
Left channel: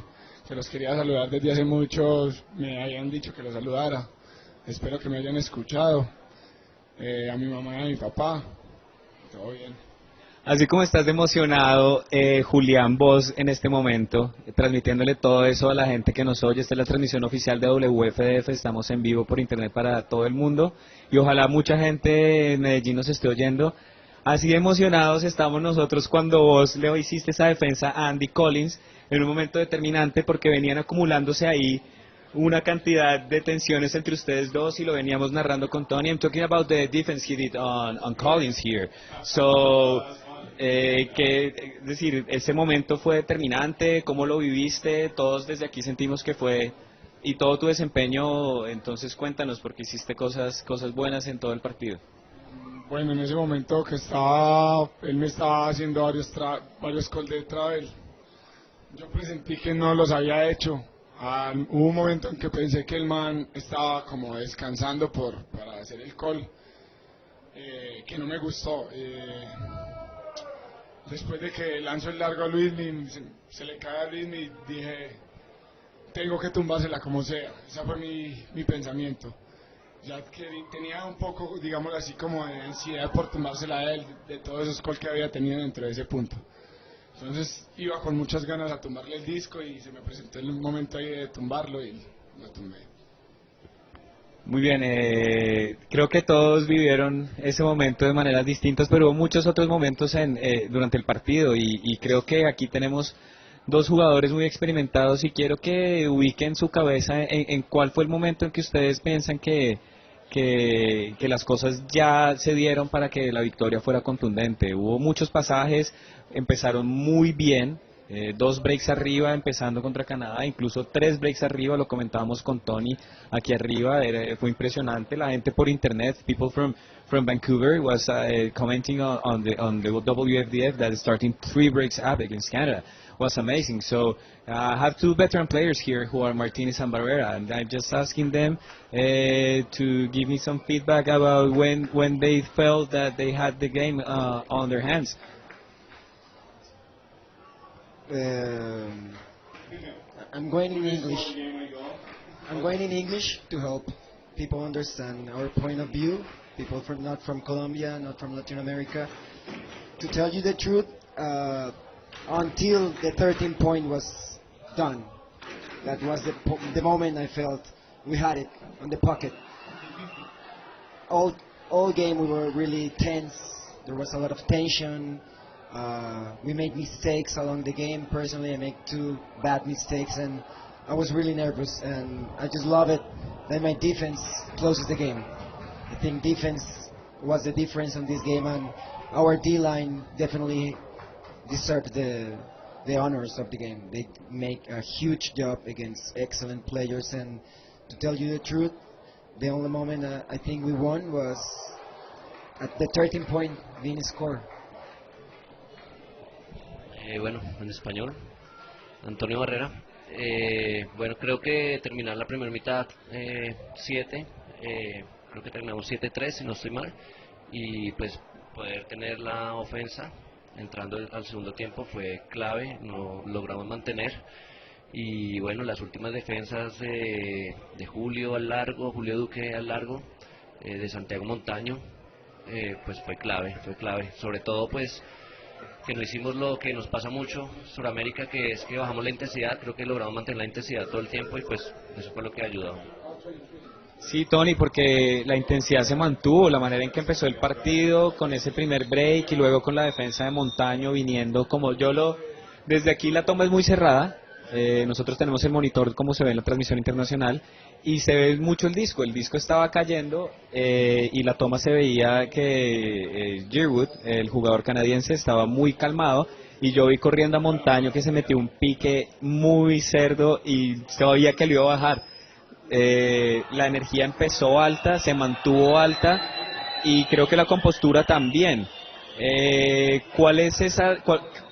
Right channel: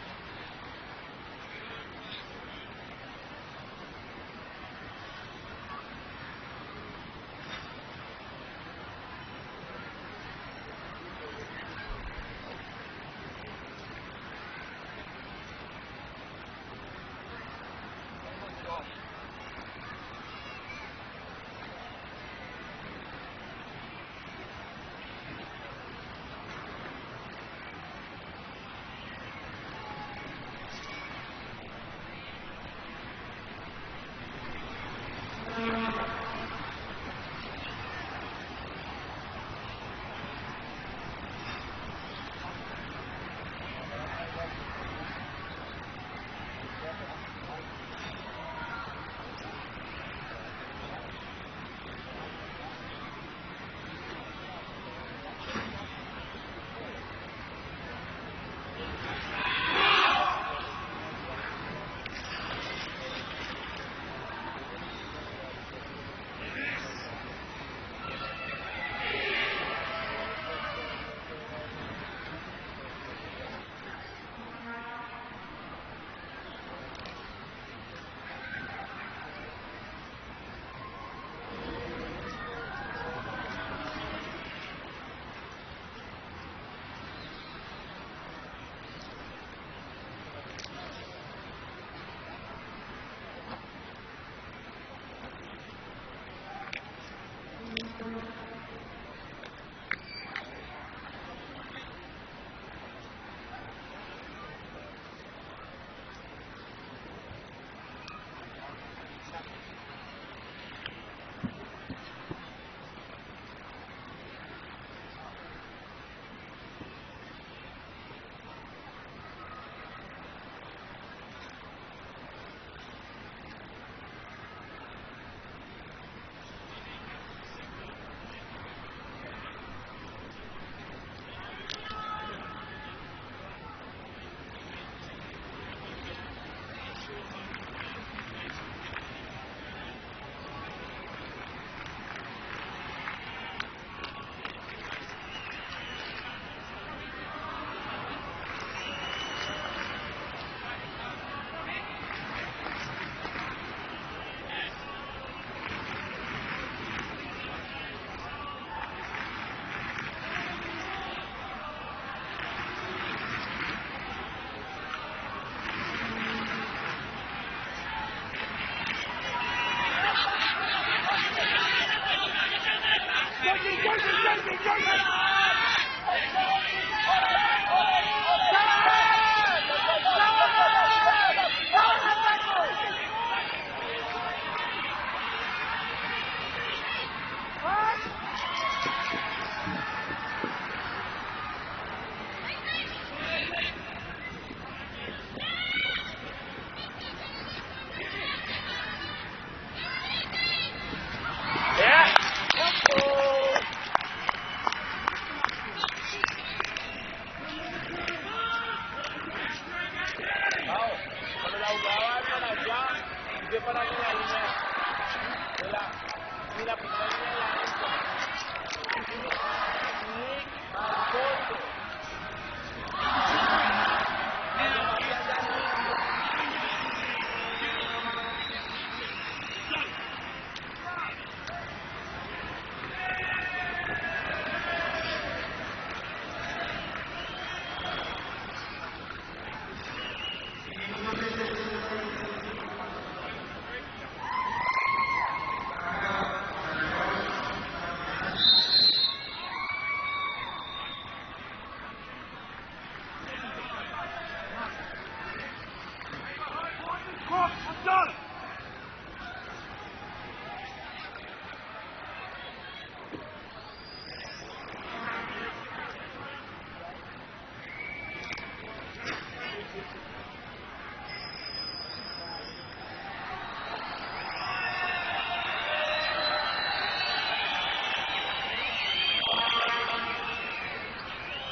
que los quería saludar desde hace mucho, me habían dicho que los saludara. Espero que me hayan escuchado. A mi mamá y a mi papá. Todo bien. Así como estás emocionado, Julián, vos en este momento, transmitiéndole todo eso a la gente que nos oye. Esta es la transmisión oficial de WFDF, estamos en vivo por internet para todo el mundo y ojalá mucha gente en Medellín nos esté oyendo. así de emocionados estamos nosotros cuando vos le hiciste esa defensa a Andy Collins en un momento determinante, porque venían acumulándose ahí una cantidad de tensiones entre ustedes dos y lo veníamos narrando con Tony. I'm talking about the defense he did on Collins here. So, es decir, ese momento fue determinante, ¿cómo lo viviste? Todos desde aquí sentimos que fue, y todo tu desempeño, entonces cuéntanos, porque hiciste cosas buenas en todo el partido. Bueno, en ese momento que él me estaba haciendo varios calls de travel, sentí que no los había hecho. Hubo un momento en que pensé que el man estaba como descansando para hacer el call, que no me gustó. Después de que lanzó el largo a Luis, se le cae a Luis, dije, tengo que tumbársela como sea. Ese fue mi pensamiento. Ya que tenía un poco, digamos así, como de ansiedad por tumbársela a él, de todos esos calls que había tenido dentro de ese punto. Entonces iba con muchas ganas a tumbarle el disco y se me presentó el momento ahí de tumbarlo y lo tumbé. Muy bien, creo que todos vivieron ese momento de maneras distintas, pero hubo muchos otros momentos durante el partido y creo que aquí tenemos dos jugadores muy experimentados y quiero que ubiquen su cabeza en cuál fue el momento en que ustedes piensan que las cosas ya se dieron para que la victoria fuera contundente. Hubo muchos pasajes, empezaron muy bien, 2 breaks arriba empezando contra Canadá, incluso 3 breaks arriba, lo comentábamos con Tony aquí arriba, fue impresionante. La gente por internet, people from Vancouver was commenting on the WFDF that is starting 3 breaks up against Canada. Was amazing. So I have 2 veteran players here who are Martinez and Barrera, and I'm just asking them to give me some feedback about when they felt that they had the game on their hands. I'm going in English. I'm going in English to help people understand our point of view, people not from Colombia, not from Latin America. To tell you the truth, until the 13th point was done, that was the moment I felt we had it in the pocket. All game we were really tense. There was a lot of tension. We made mistakes along the game. Personally, I made 2 bad mistakes, and I was really nervous. And I just love it when my defense closes the game. I think defense was the difference in this game, and our D-line definitely deserved the honors of the game. They made a huge job against excellent players, and to tell you the truth, the only moment I think we won was the 13-point winning score. Bueno, en español, Antonio Barrera. Bueno, creo que terminó la primera mitad 7, creo que terminó 7-3, si no estoy mal, y pues poder tener la ofensa entrando al segundo tiempo fue clave, logramos mantener, y bueno, las últimas defensas de Julio al largo, Julio Duque al largo, de Santiago Montaño, pues fue clave, sobre todo pues que no hicimos lo que nos pasa mucho en Sudamérica, que es que bajamos la intensidad. Creo que logramos mantener la intensidad todo el tiempo y pues eso fue lo que ayudó. Sí, Tony, porque la intensidad se mantuvo, la manera en que empezó el partido, con ese primer break y luego con la defensa de Montaño viniendo como desde aquí la toma es muy cerrada. Nosotros tenemos el monitor como se ve en la transmisión internacional y se ve mucho el disco estaba cayendo y la toma se veía que Yearwood, el jugador canadiense, estaba muy calmado y yo vi corriendo a Montaño que se metió un pique muy cerdo y sabía que lo iba a bajar. La energía empezó alta, se mantuvo alta y creo que la compostura también. ¿Cuál es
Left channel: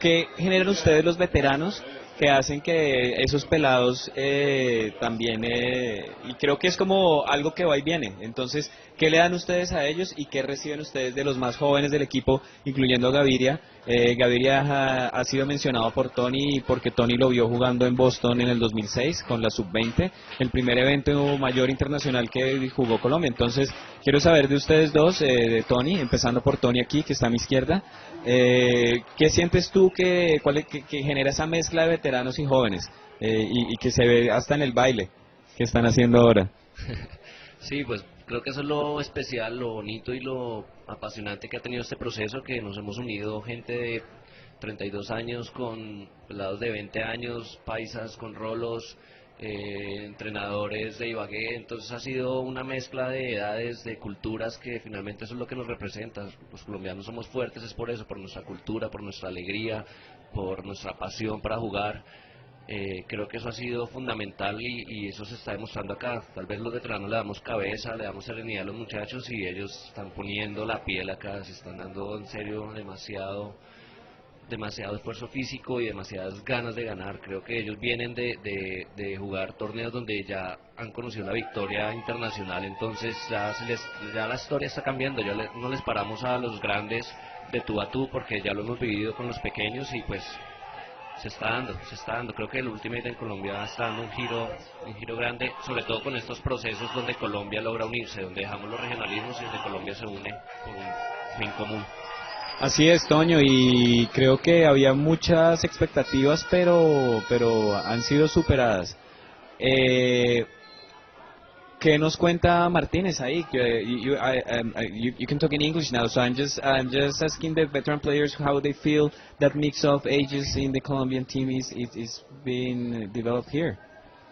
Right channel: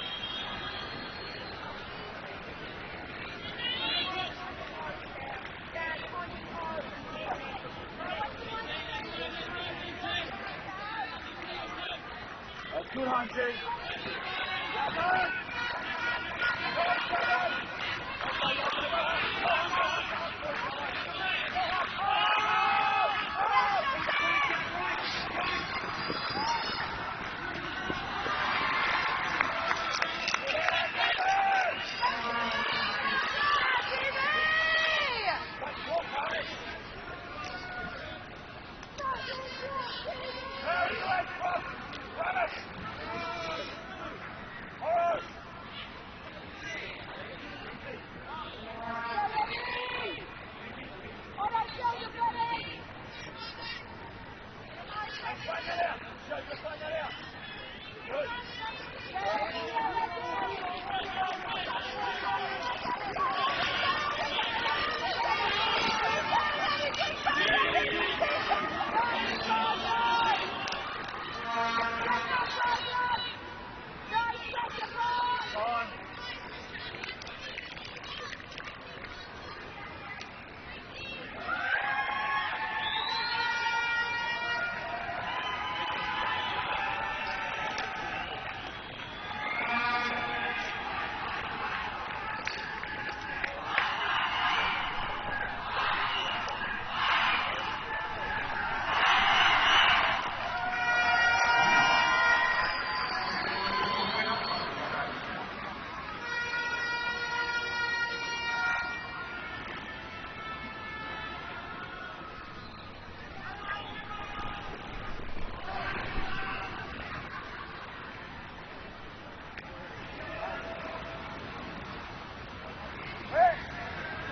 qué generan ustedes los veteranos que hacen que esos pelados también, y creo que es como algo que va y viene? Entonces, ¿qué le dan ustedes a ellos y qué reciben ustedes de los más jóvenes del equipo, incluyendo a Gaviria? Gaviria ha sido mencionado por Tony porque Tony lo vio jugando en Boston en el 2006 con la sub-20, el primer evento mayor internacional que jugó Colombia. Entonces, quiero saber de ustedes dos, de Tony, empezando por Tony aquí, que está a mi izquierda. ¿Qué sientes tú que genera esa mezcla de veteranos y jóvenes y que se ve hasta en el baile que están haciendo ahora? Sí, pues Creo que eso es lo especial, lo bonito y lo apasionante que ha tenido este proceso, que nos hemos unido gente de 32 años con pelados de 20 años, paisas con rolos, entrenadores de Ibagué. Entonces ha sido una mezcla de edades, de culturas, que finalmente eso es lo que nos representan. Los colombianos somos fuertes, es por eso, por nuestra cultura, por nuestra alegría, por nuestra pasión para jugar. Creo que eso ha sido fundamental y eso se está demostrando acá. Tal vez los veteranos le damos cabeza, le damos seguridad a los muchachos y ellos están poniendo la piel acá, se están dando en serio demasiado esfuerzo físico y demasiadas ganas de ganar. Creo que ellos vienen de jugar torneos donde ya han conocido la victoria internacional, entonces ya la historia está cambiando, no les paramos a los grandes de tú a tú porque ya lo hemos vivido con los pequeños y pues se está dando. Creo que el Ultimate en Colombia está dando un giro grande, sobre todo con estos procesos donde Colombia logra unirse, donde dejamos los regionalismos y donde Colombia se une por un bien común. Así es, Toño, y creo que había muchas expectativas, pero han sido superadas. ¿Qué nos cuenta Martínez ahí? You can talk in English now, so I'm just asking the veteran players how they feel that mix of ages in the Colombian team is being developed here.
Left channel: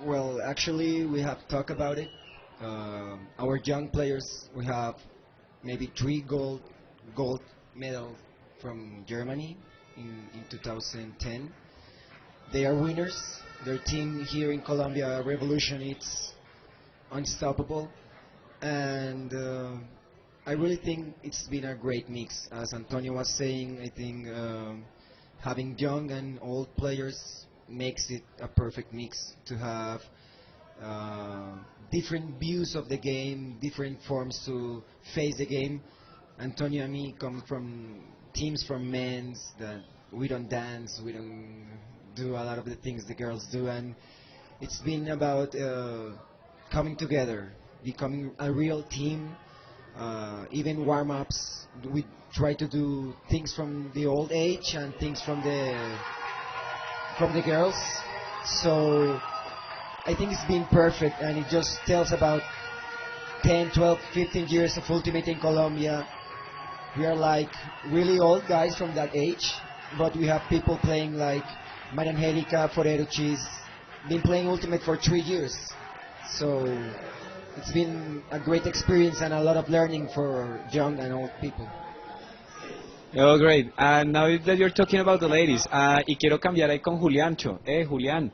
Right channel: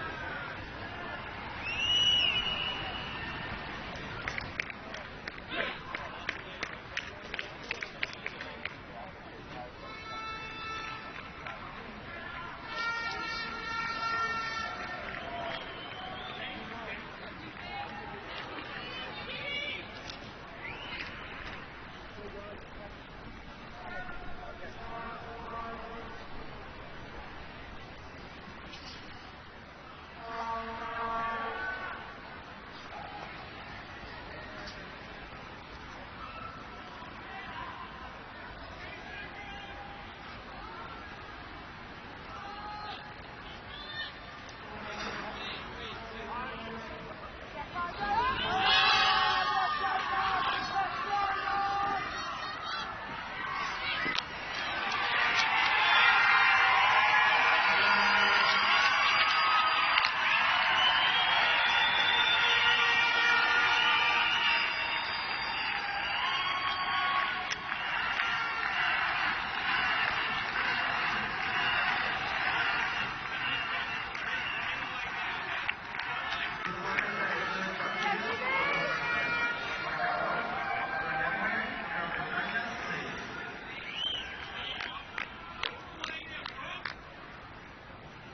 Well, actually, we have talked about it. Our young players, we have maybe 3 gold medal from Germany in 2010. They are winners. Their team here in Colombia, Revolution, it's unstoppable, and I really think it's been a great mix. As Antonio was saying, I think having young and old players makes it a perfect mix to have different views of the game, different forms to face the game. Antonio and me come from teams from men's that we don't dance, we don't do a lot of the things the girls do, and it's been about coming together, becoming a real team. Even warm-ups, we try to do things from the old age and things from the girls. So I think it's been perfect, and it just tells about 10, 12, 15 years of Ultimate in Colombia. We are like really old guys from that age, but we have people playing like Madam Angelica, Forero, she's been playing Ultimate for 3 years. So it's been a great experience and a lot of learning for young and old people. Oh, great. Now that you're talking about the ladies, y quiero cambiar ahí con Juliancho. Julián,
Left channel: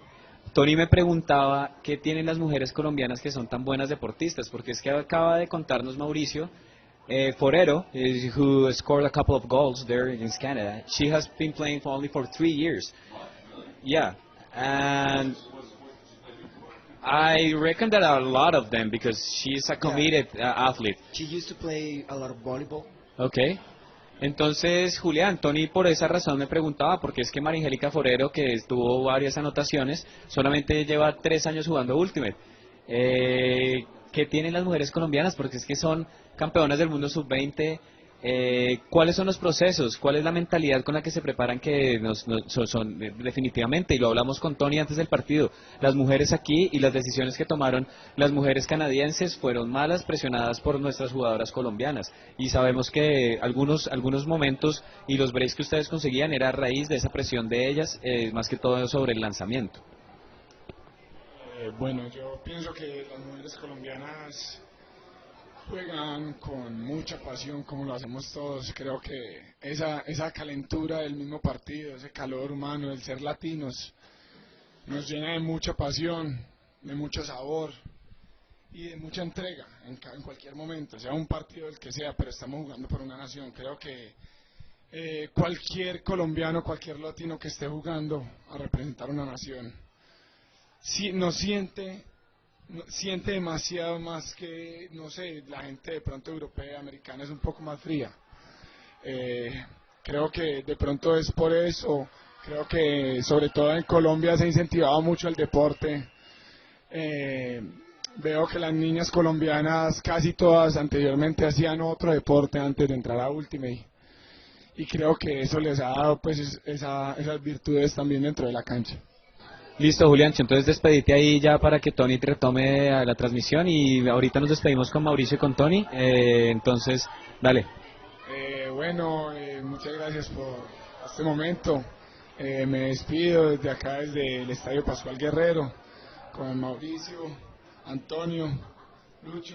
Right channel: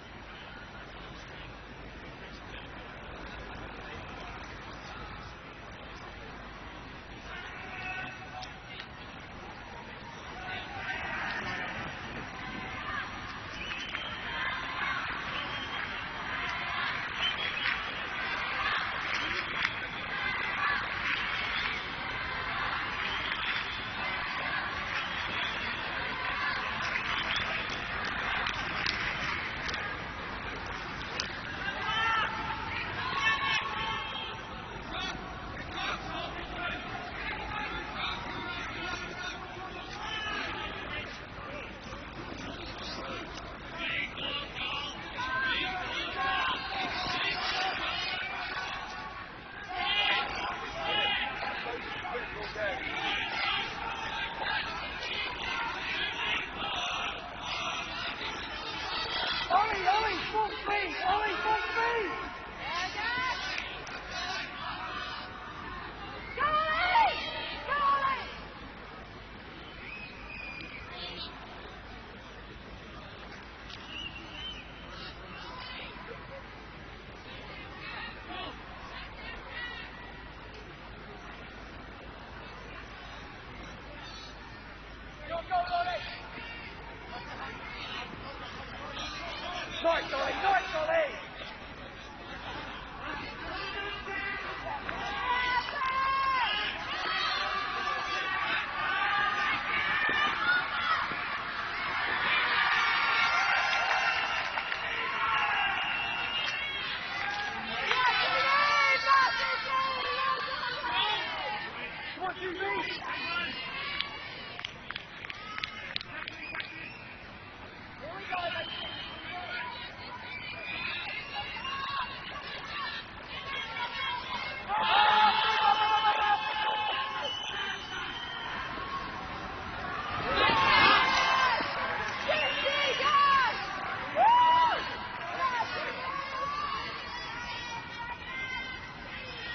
Tony me preguntaba qué tienen las mujeres colombianas que son tan buenas deportistas, porque es que acaba de contarnos Mauricio Forero, who scored a couple of goals there in Canada. She has been playing for only 3 years. Yeah, and I reckon that a lot of them, because she's a committed athlete. She used to play a lot of volleyball. Okay. Entonces, Julián, Tony por esa razón me preguntaba, porque es que María Angélica Forero, que tuvo varias anotaciones, solamente lleva 3 años jugando Ultimate. ¿Qué tienen las mujeres colombianas? Porque es que son campeonas del mundo sub-20. ¿Cuáles son los procesos? ¿Cuál es la mentalidad con la que se preparan? Que son definitivamente, y lo hablamos con Tony antes del partido, las mujeres aquí y las decisiones que tomaron las mujeres canadienses fueron malas, presionadas por nuestras jugadoras colombianas, y sabemos que algunos momentos y los breaks que ustedes conseguían era a raíz de esa presión de ellas, más que todo sobre el lanzamiento. Bueno, yo pienso que las mujeres colombianas juegan con mucha pasión, como lo hacemos todos. Creo que esa calentura del mismo partido, ese calor humano, el ser latinos, nos llena de mucha pasión, de mucho sabor y de mucha entrega en cualquier momento, sea un partido del que sea, pero estamos jugando por una nación. Creo que cualquier colombiano, cualquier latino que esté jugando a representar una nación, sí, nos siente demasiado más que, no sé, la gente de pronto europea, americana es un poco más fría. Creo que de pronto es por eso. Creo que sobre todo en Colombia se ha incentivado mucho el deporte. Veo que las niñas colombianas casi todas anteriormente hacían otro deporte antes de entrar a Ultimate, y creo que eso les ha dado pues esas virtudes también dentro de la cancha. Listo, Julián, entonces despedite ahí ya para que Tony te retome a la transmisión y ahorita nos despedimos con Mauricio y con Tony. Entonces, dale. Bueno, muchas gracias por este momento. Me despido desde acá, desde el Estadio Pascual Guerrero, con Mauricio, Antonio, Lucho,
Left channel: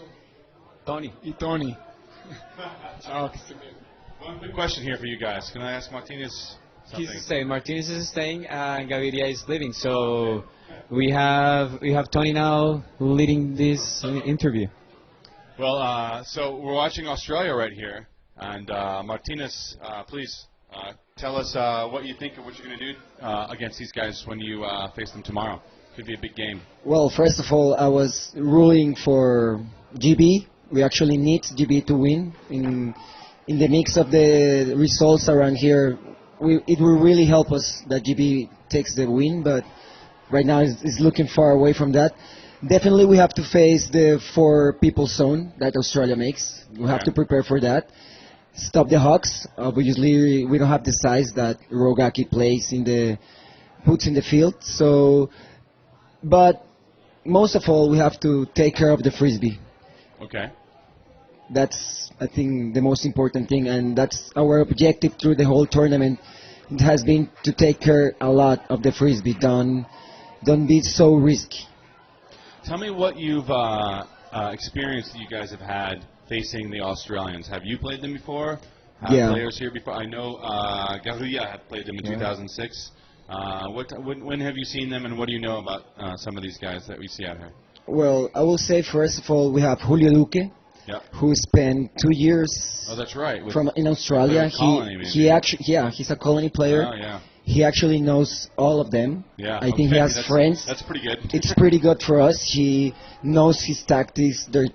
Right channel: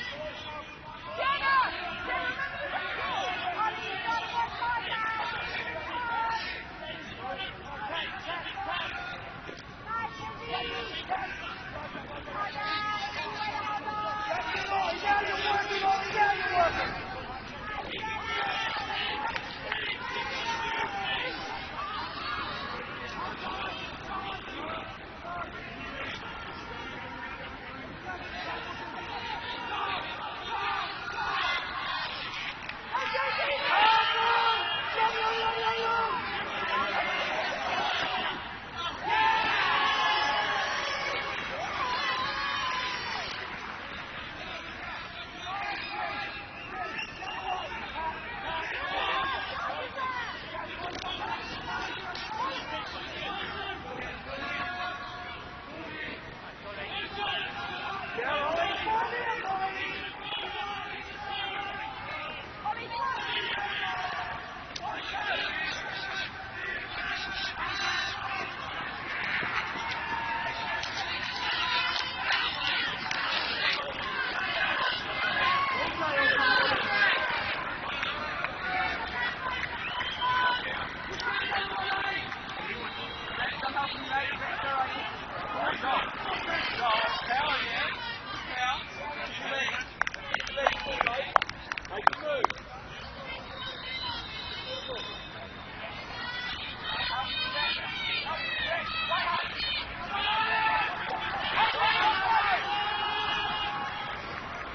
Tony. y Tony. Chao. Question here for you guys. Can I ask Martinez? He's staying. Martinez is staying, and Gaviria is leaving. So we have Tony now leading this interview. Well, so we're watching Australia right here, and Martinez, please tell us what you think we're going to do against these guys when you face them tomorrow. Could be a big game. Well, first of all, I was rooting for GB. We actually need GB to win. In the mix of the results around here, it will really help us that GB takes the win, but right now it's looking far away from that. Definitely we have to face the 4 people zone that Australia makes. We have to prepare for that. Stop the Hawks. Obviously we don't have the size that Rogaki puts in the field. So, but most of all we have to take care of the frisbee. Okay. That's, I think, the most important thing, and that's our objective through the whole tournament. It has been to take care a lot of the frisbee. Don't be so risky. Tell me what you've experienced you guys have had facing the Australians. Have you played them before? Yeah. Players here before? I know Gahuya played them in 2006. When have you seen them, and what do you know about some of these guys that you see out here? Well, I will say first of all we have Julio Duque, who spent 2 years Oh, that's right. in Australia. He's a colony player. Oh, yeah. He actually knows all of them. Yeah, I think he has friends. That's pretty good. It's pretty good for us. He knows his tactics, their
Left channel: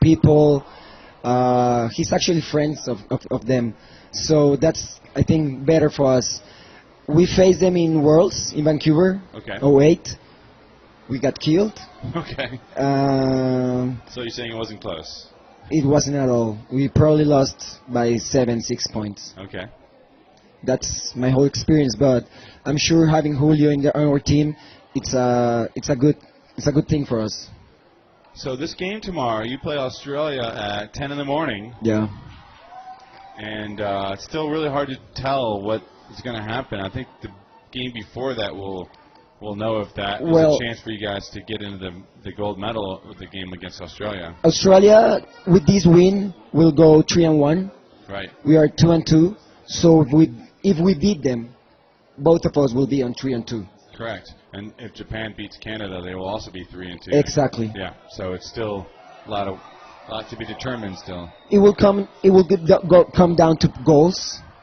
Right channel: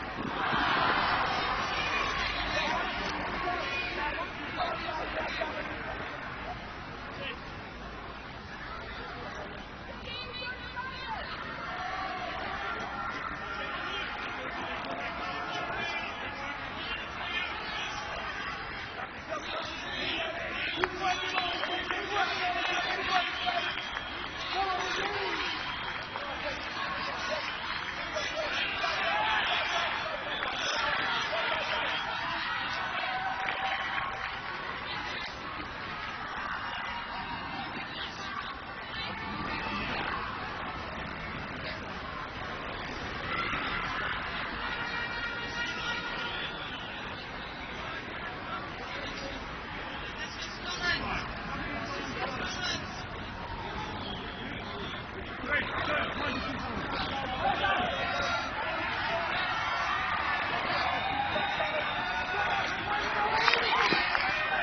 people. He's actually friends of them. So that's, I think, better for us. We faced them in Worlds in Vancouver, Okay. 08. We got killed. Okay. So you're saying it wasn't close? It wasn't at all. We probably lost by 6 points. Okay. That's my whole experience, but I'm sure having Julio on our team, it's a good thing for us. So this game tomorrow, you play Australia at 10 in the morning. Yeah. And it's still really hard to tell what is going to happen. I think the game before that will know if that was a chance for you guys to get into the gold medal in the game against Australia. Australia, with this win, will go 3-1. Right. We are 2-2. So if we beat them, both of us will be on 3-2. Correct. And if Japan beats Canada, they will also be 3-2. Exactly. Yeah. So it's still a lot to be determined still. It will come down to goals.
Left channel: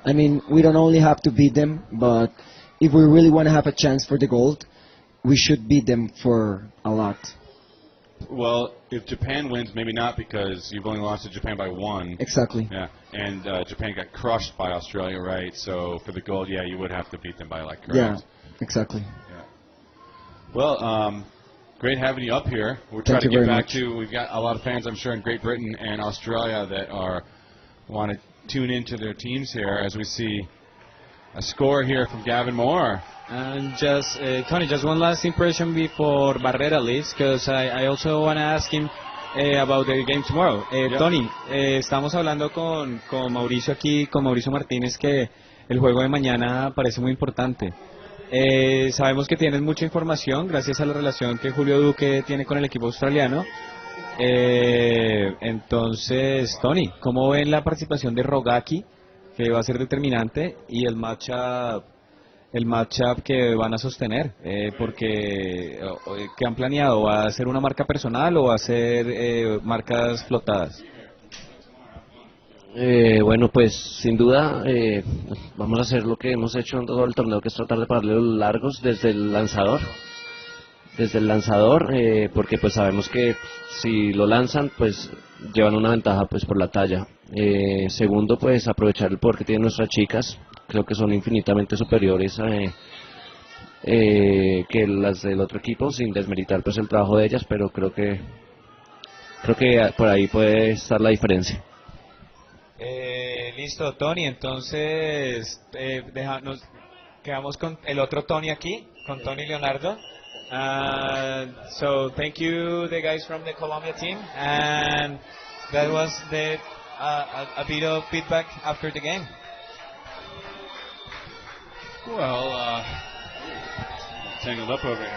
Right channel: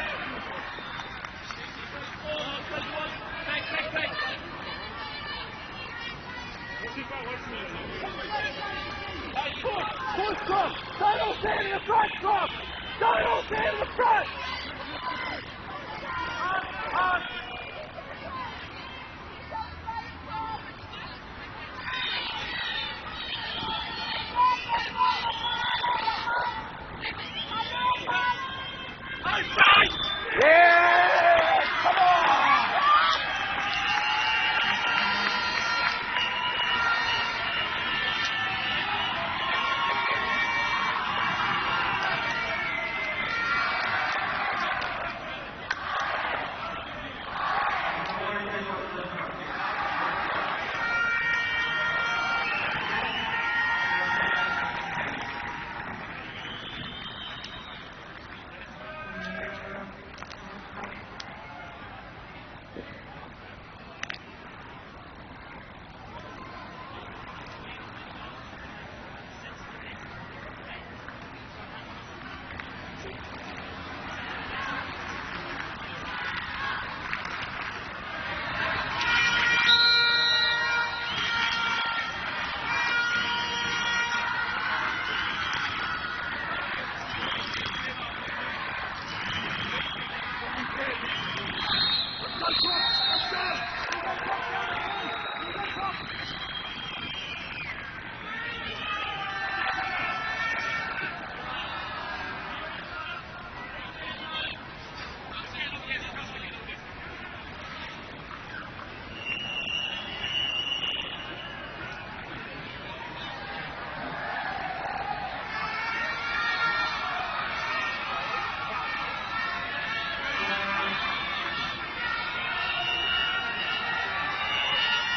I mean, we don't only have to beat them, but if we really want to have a chance for the gold, we should beat them for a lot. Well, if Japan wins, maybe not, because you've only lost to Japan by 1. Exactly. Yeah, and Japan got crushed by Australia, right? So for the gold, yeah, you would have to beat them by like. Correct? Yeah, exactly. Well, great having you up here. We'll try to get back to. We've got a lot of fans, I'm sure, in Great Britain and Australia that want to tune into their teams here as we see a score here from Gavin Moore. And just Tony, just one last impression before Barrera leaves, because I also want to ask him about the game tomorrow. Tony, estamos hablando con Mauricio aquí, con Mauricio Martínez, que el juego de mañana parece muy importante. Sabemos que tienes mucha información gracias a la relación que Julio Duque tiene con el equipo australiano. Entonces, Tony, ¿cómo ven la participación de Rogaki, que va a ser determinante, y el matchup que van a sostener? Porque ¿qué han planeado? ¿Va a ser una marca personal o va a ser marcas flotadas? Bueno, pues sin duda vamos a hacer lo que hemos hecho en todo el torneo, que es tratar de pararle los largos desde el lanzador, porque pues sabemos que si lo lanzan pues llevan una ventaja pues por la talla. Segundo, pues aprovechar el poder que tienen nuestras chicas, creo que son infinitamente superiores que las del otro equipo, sin desmeritar pues el trabajo de ellas, pero creo que por ahí puede estar la diferencia. Listo, Tony, entonces Quedamos con el otro Tony aquí, con Tony Leonardo. So thank you, the guys from the Colombia team, and that was a bit of feedback after the game. Well, turn it up over.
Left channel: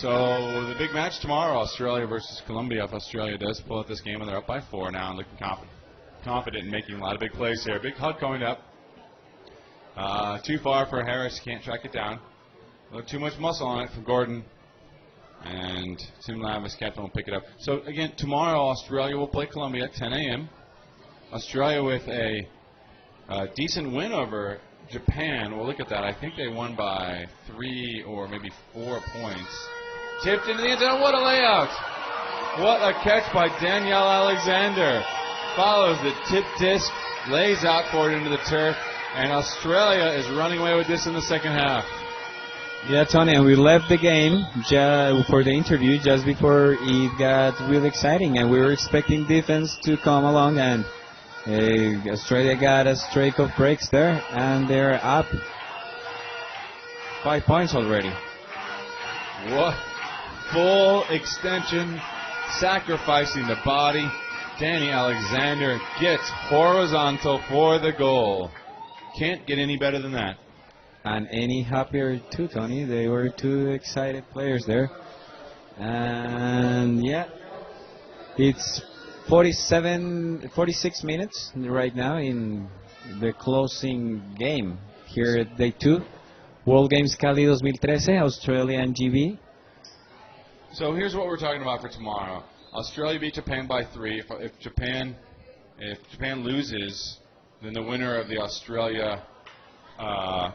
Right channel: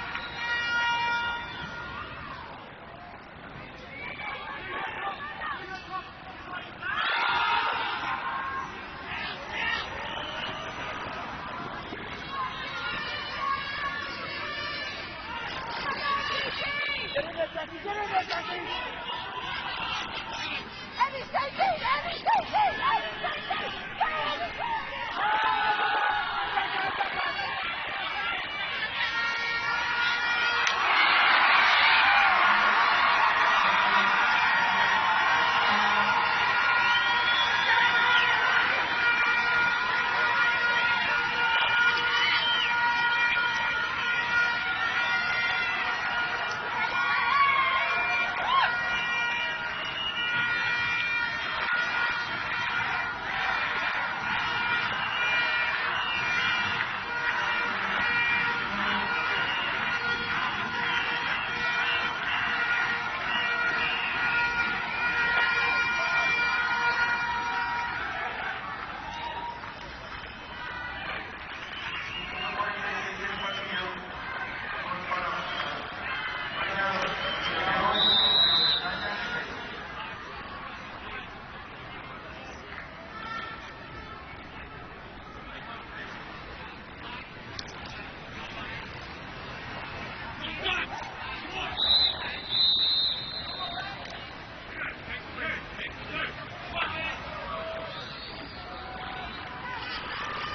So the big match tomorrow, Australia versus Colombia. If Australia does pull out this game, and they're up by 4 now, and look confident in making a lot of big plays here. Big hug coming up. Too far for Harris, can't track it down. Got too much muscle on it for Gordon. And Simulatus will pick it up. So again, tomorrow Australia will play Colombia at 10 a.m. Australia with a decent win over Japan. We'll look at that. I think they won by 3 or maybe 4 points. Tipped in the end zone. What a layout! What a catch by Danielle Alexander. Follows the tip disc, lays that forward into the turf, and Australia is running away with this in the second half. Yeah, Tony, and we left the game for the interview just before it got real exciting, and we were expecting defense to come along, and Australia got a streak of breaks there, and they're up 5 points already. What? Full extension, sacrificing the body. Danny Alexander gets horizontal for the goal. Can't get any better than that. And any happier too, Tony. They were 2 excited players there. And yeah, it's 46 minutes right now in the closing game here at Day 2. World Games Cali 2013, Australia and GB. So here's what we're talking about for tomorrow. Australia beat Japan by 3. If Japan loses, then the winner of the Australia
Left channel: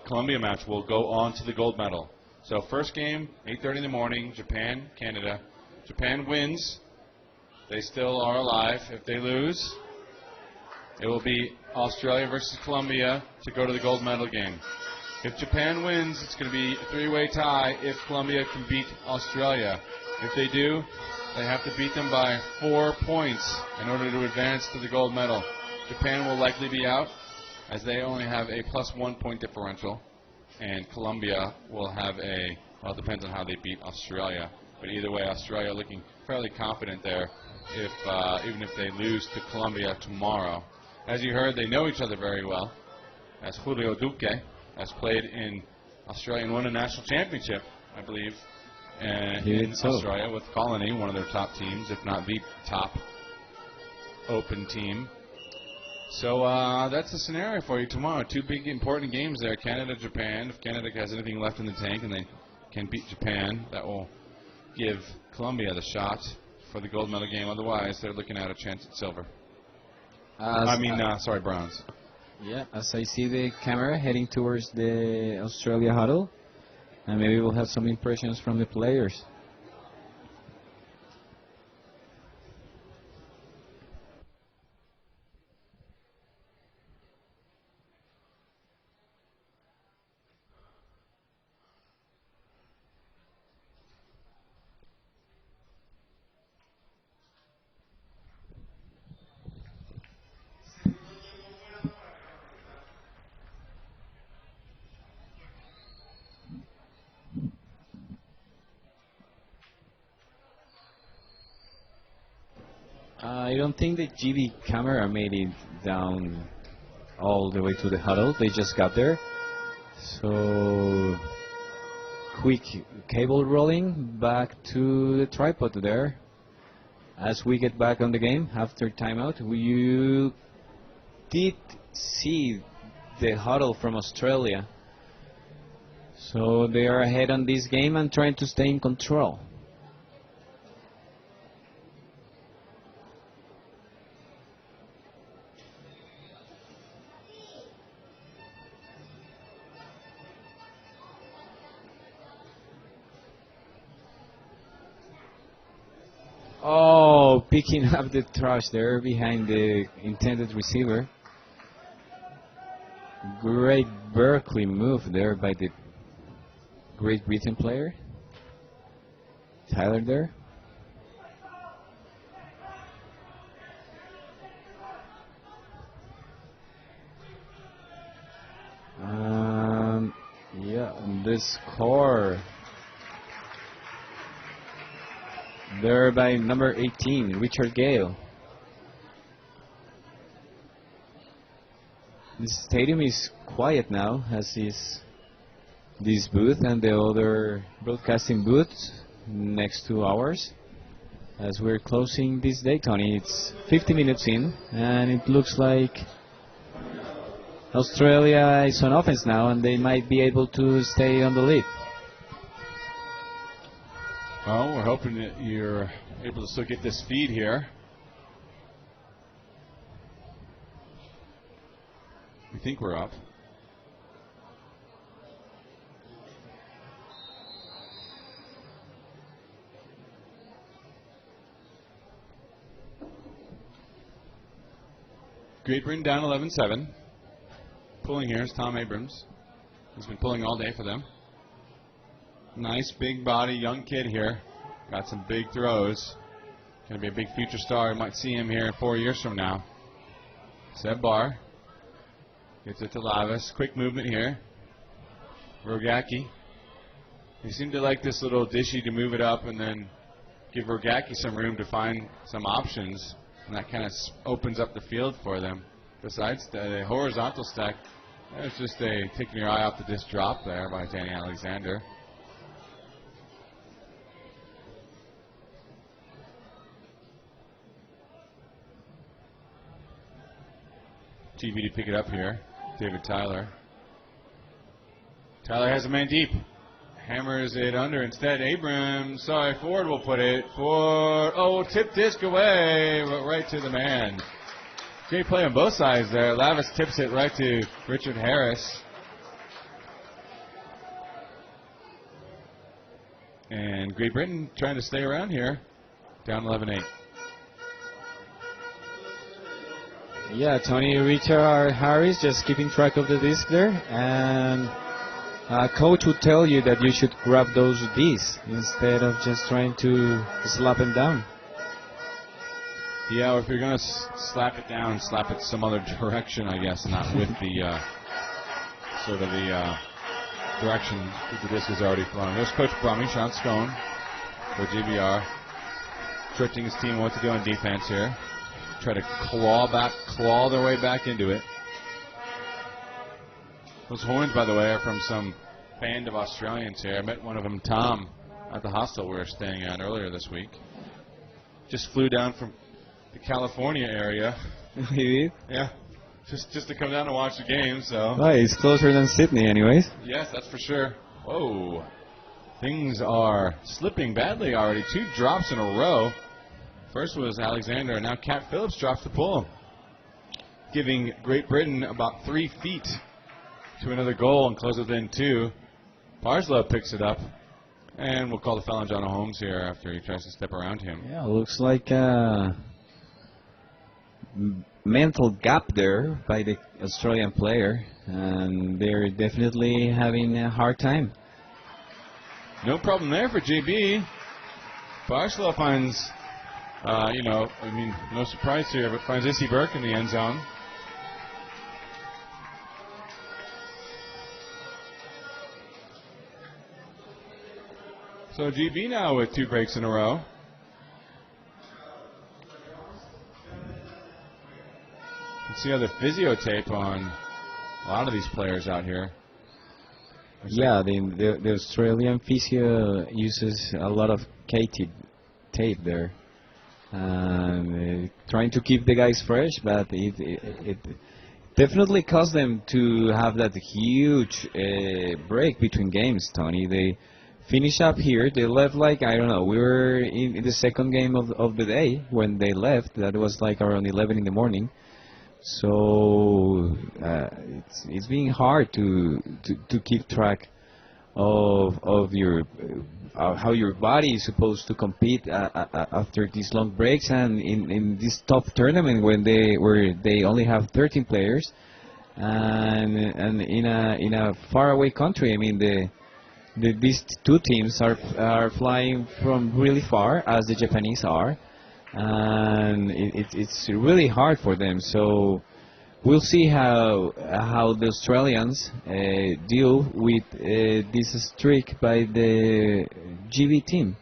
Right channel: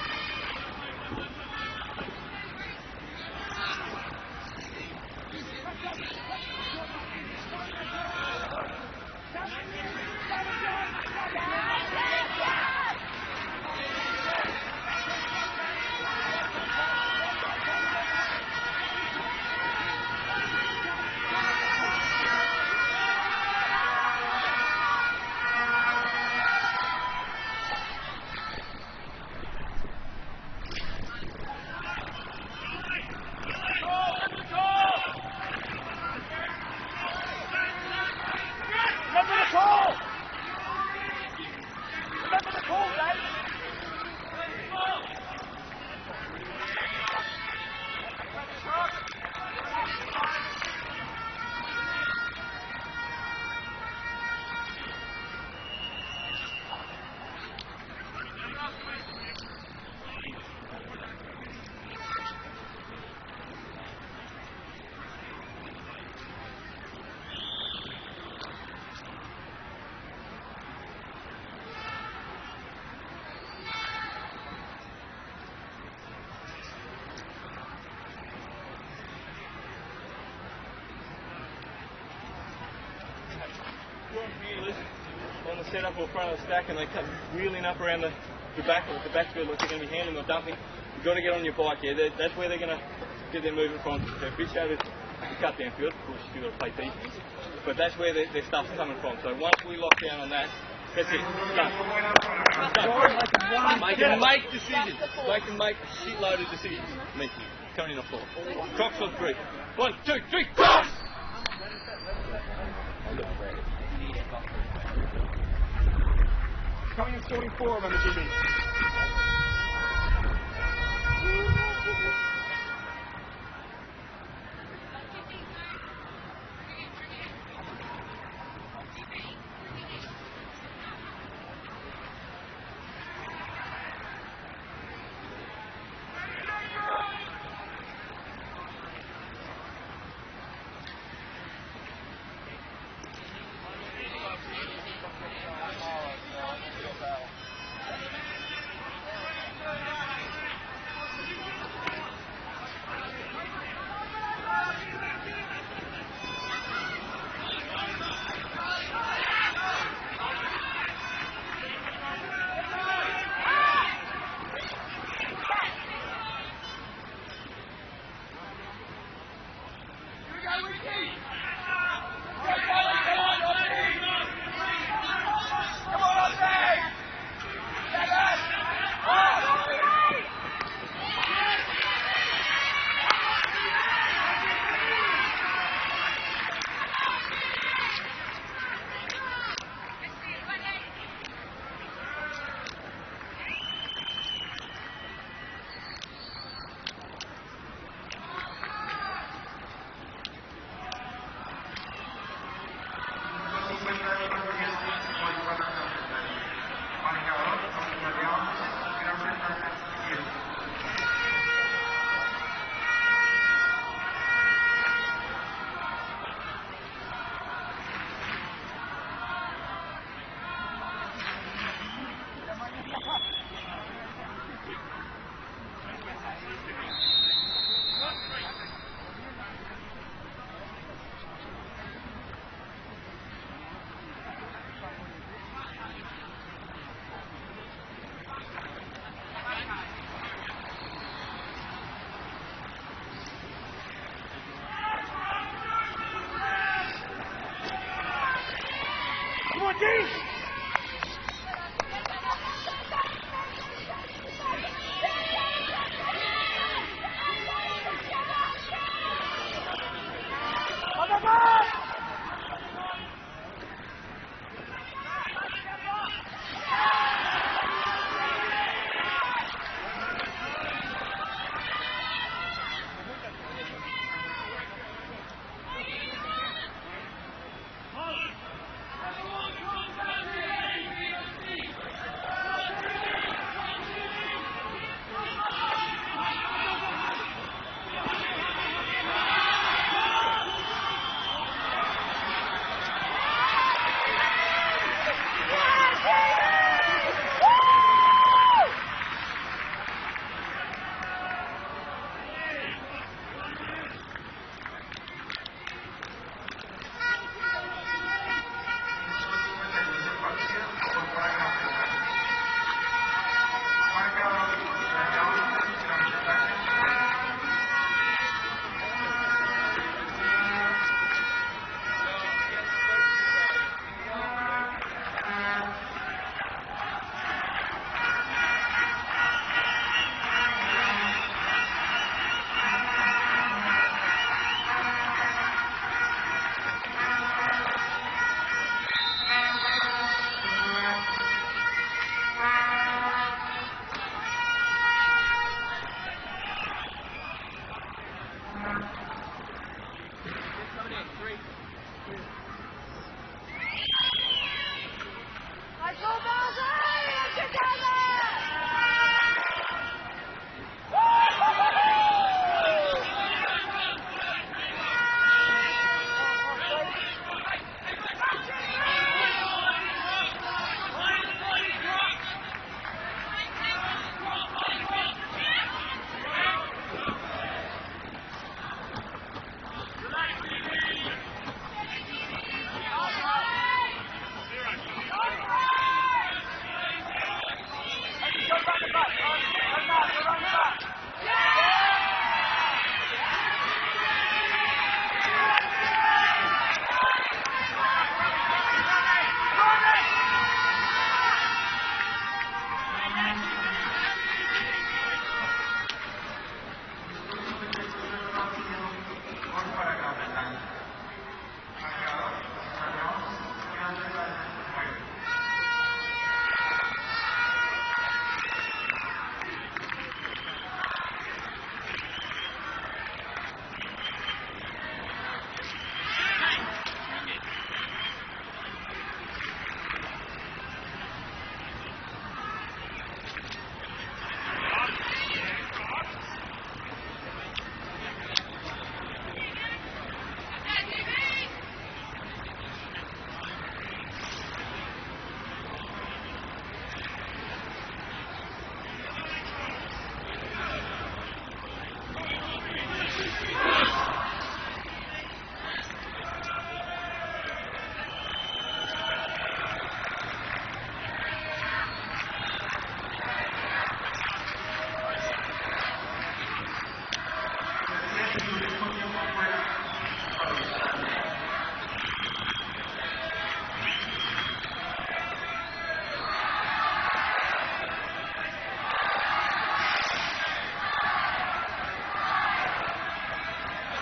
Colombia match will go on to the gold medal. So first game, 8:30 in the morning, Japan, Canada. Japan wins. They still are alive. If they lose, it will be Australia versus Colombia to go to the gold medal game. If Japan wins, it's going to be a 3-way tie if Colombia can beat Australia. If they do, they have to beat them by 4 points in order to advance to the gold medal. Japan will likely be out, as they only have a +1 point differential, and Colombia will have well, it depends on how they beat Australia. So either way, Australia looking fairly confident there, even if they lose to Colombia tomorrow. As you heard, they know each other very well, as Julio Duque has played in Australia and won a national championship, I believe. And Australia with Colony, one of their top teams, if not the top open team. So that's the scenario for you tomorrow. 2 big important games there, Canada, Japan. If Canada has anything left in the tank and they can beat Japan, that will give Colombia the shot for the gold medal game. Otherwise, they're looking at a chance at silver. Bronze. Yeah, as I see the camera heading towards the Australia huddle, and maybe we'll have some impressions from the players. Set up in front of the stack and they come wheeling up around the backfield like they're going to be handling or dumping. You've got to get on your bike, yeah. That's where they're going to get their movement from. So if it's over the cut downfield, of course you've got to play defense, but that's where their stuff's coming from. So once we lock down on that, that's it. Done. They can make decisions. They can make a shitload of decisions. Me, coming in on 4. Crocs on 3. 1, 2, 3, Crocs! I don't think the GB camera made it down all the way to the huddle. They just got there. So quick cable rolling back to the tripod there. As we get back on the game after timeout, we did see the huddle from Australia. So they are ahead on this game and trying to stay in control. Oh, picking up the trash there behind the intended receiver. Great Berkeley move there by the Great Britain player. Tyler there. the score. There by number 18, Richard Gale. The stadium is quiet now, as is this booth and the other broadcasting booth next to ours. As we're closing this day, Tony, it's 50 minutes in, and it looks like Australia is on offense now, and they might be able to stay on the lead. Well, we're hoping that you're able to still get this feed here. I think we're up. Great Britain down 11-7. Pulling here is Tom Abrams. He's been pulling all day for them. Nice big body, young kid here. Got some big throws. Gonna be a big future star. You might see him here 4 years from now. Seb Barr. With the Lavis. Quick movement here. Rogacki. They seem to like this little dishy to move it up and then give Rogacki some room to find some options. And that kind of opens up the field for them. Besides the horizontal stuff, it's just taking your eye off of this drop there by Jenny Alexander. TV to pick it up here. David Tyler. Tyler has a man deep. Hammers it under instead. Abrams, sorry, Ford will put it for, tip disc away, right to the man. Great play on both sides there. Lavis tips it right to Richard Harris. And Great Britain trying to stay around here. Down 11-8. Yeah, Tony, Richard Harris just keeping track of the disc there. And coach would tell you that you should grab those discs instead of just trying to slap them down. Yeah, if you're going to slap it down, slap it some other direction, I guess, not with the direction that the disc is already thrown. There's Coach Plummer, Sean Stone, the DBR, coaching his team what to do on defense here. Try to claw their way back into it. Those horns, by the way, are from some band of Australians here. I met one of them, Tom, at the hostel we were staying at earlier this week. Just flew down from California area. Yeah. Just to come down to watch the game, so. Right, it's closer than Sydney anyways. Yes, that's for sure. Oh, things are slipping badly already. 2 drops in a row. First was Alexander, now Count Phillips drops the pull. Giving Great Britain about 3 feet to another goal and close it in 2. Parslow picks it up. And we'll call the foul on John Holmes here after he tries to step around him. Yeah, looks like mental gap there by the Australian player, and they're definitely having a hard time. No problem there for JB. Parslow finds, no surprise here, but finds Issy Burke in the end zone. So GB now with 2 breaks in a row. See how the physio tape on a lot of these players out here. Yeah, the Australian physio uses a lot of tape there, and trying to keep the guys fresh, but it definitely caused them to have that huge break between games, Tony. They finish up here. They left we were in the second game of the day when they left. That was like around 11 in the morning. So it's being hard to keep track of how your body is supposed to compete after these long breaks, and in this top tournament where they only have 13 players, and in a faraway country. I mean these 2 teams are flying from really far, as the Japanese are. And it's really hard for them. So we'll see how the Australians deal with this streak by the GB team.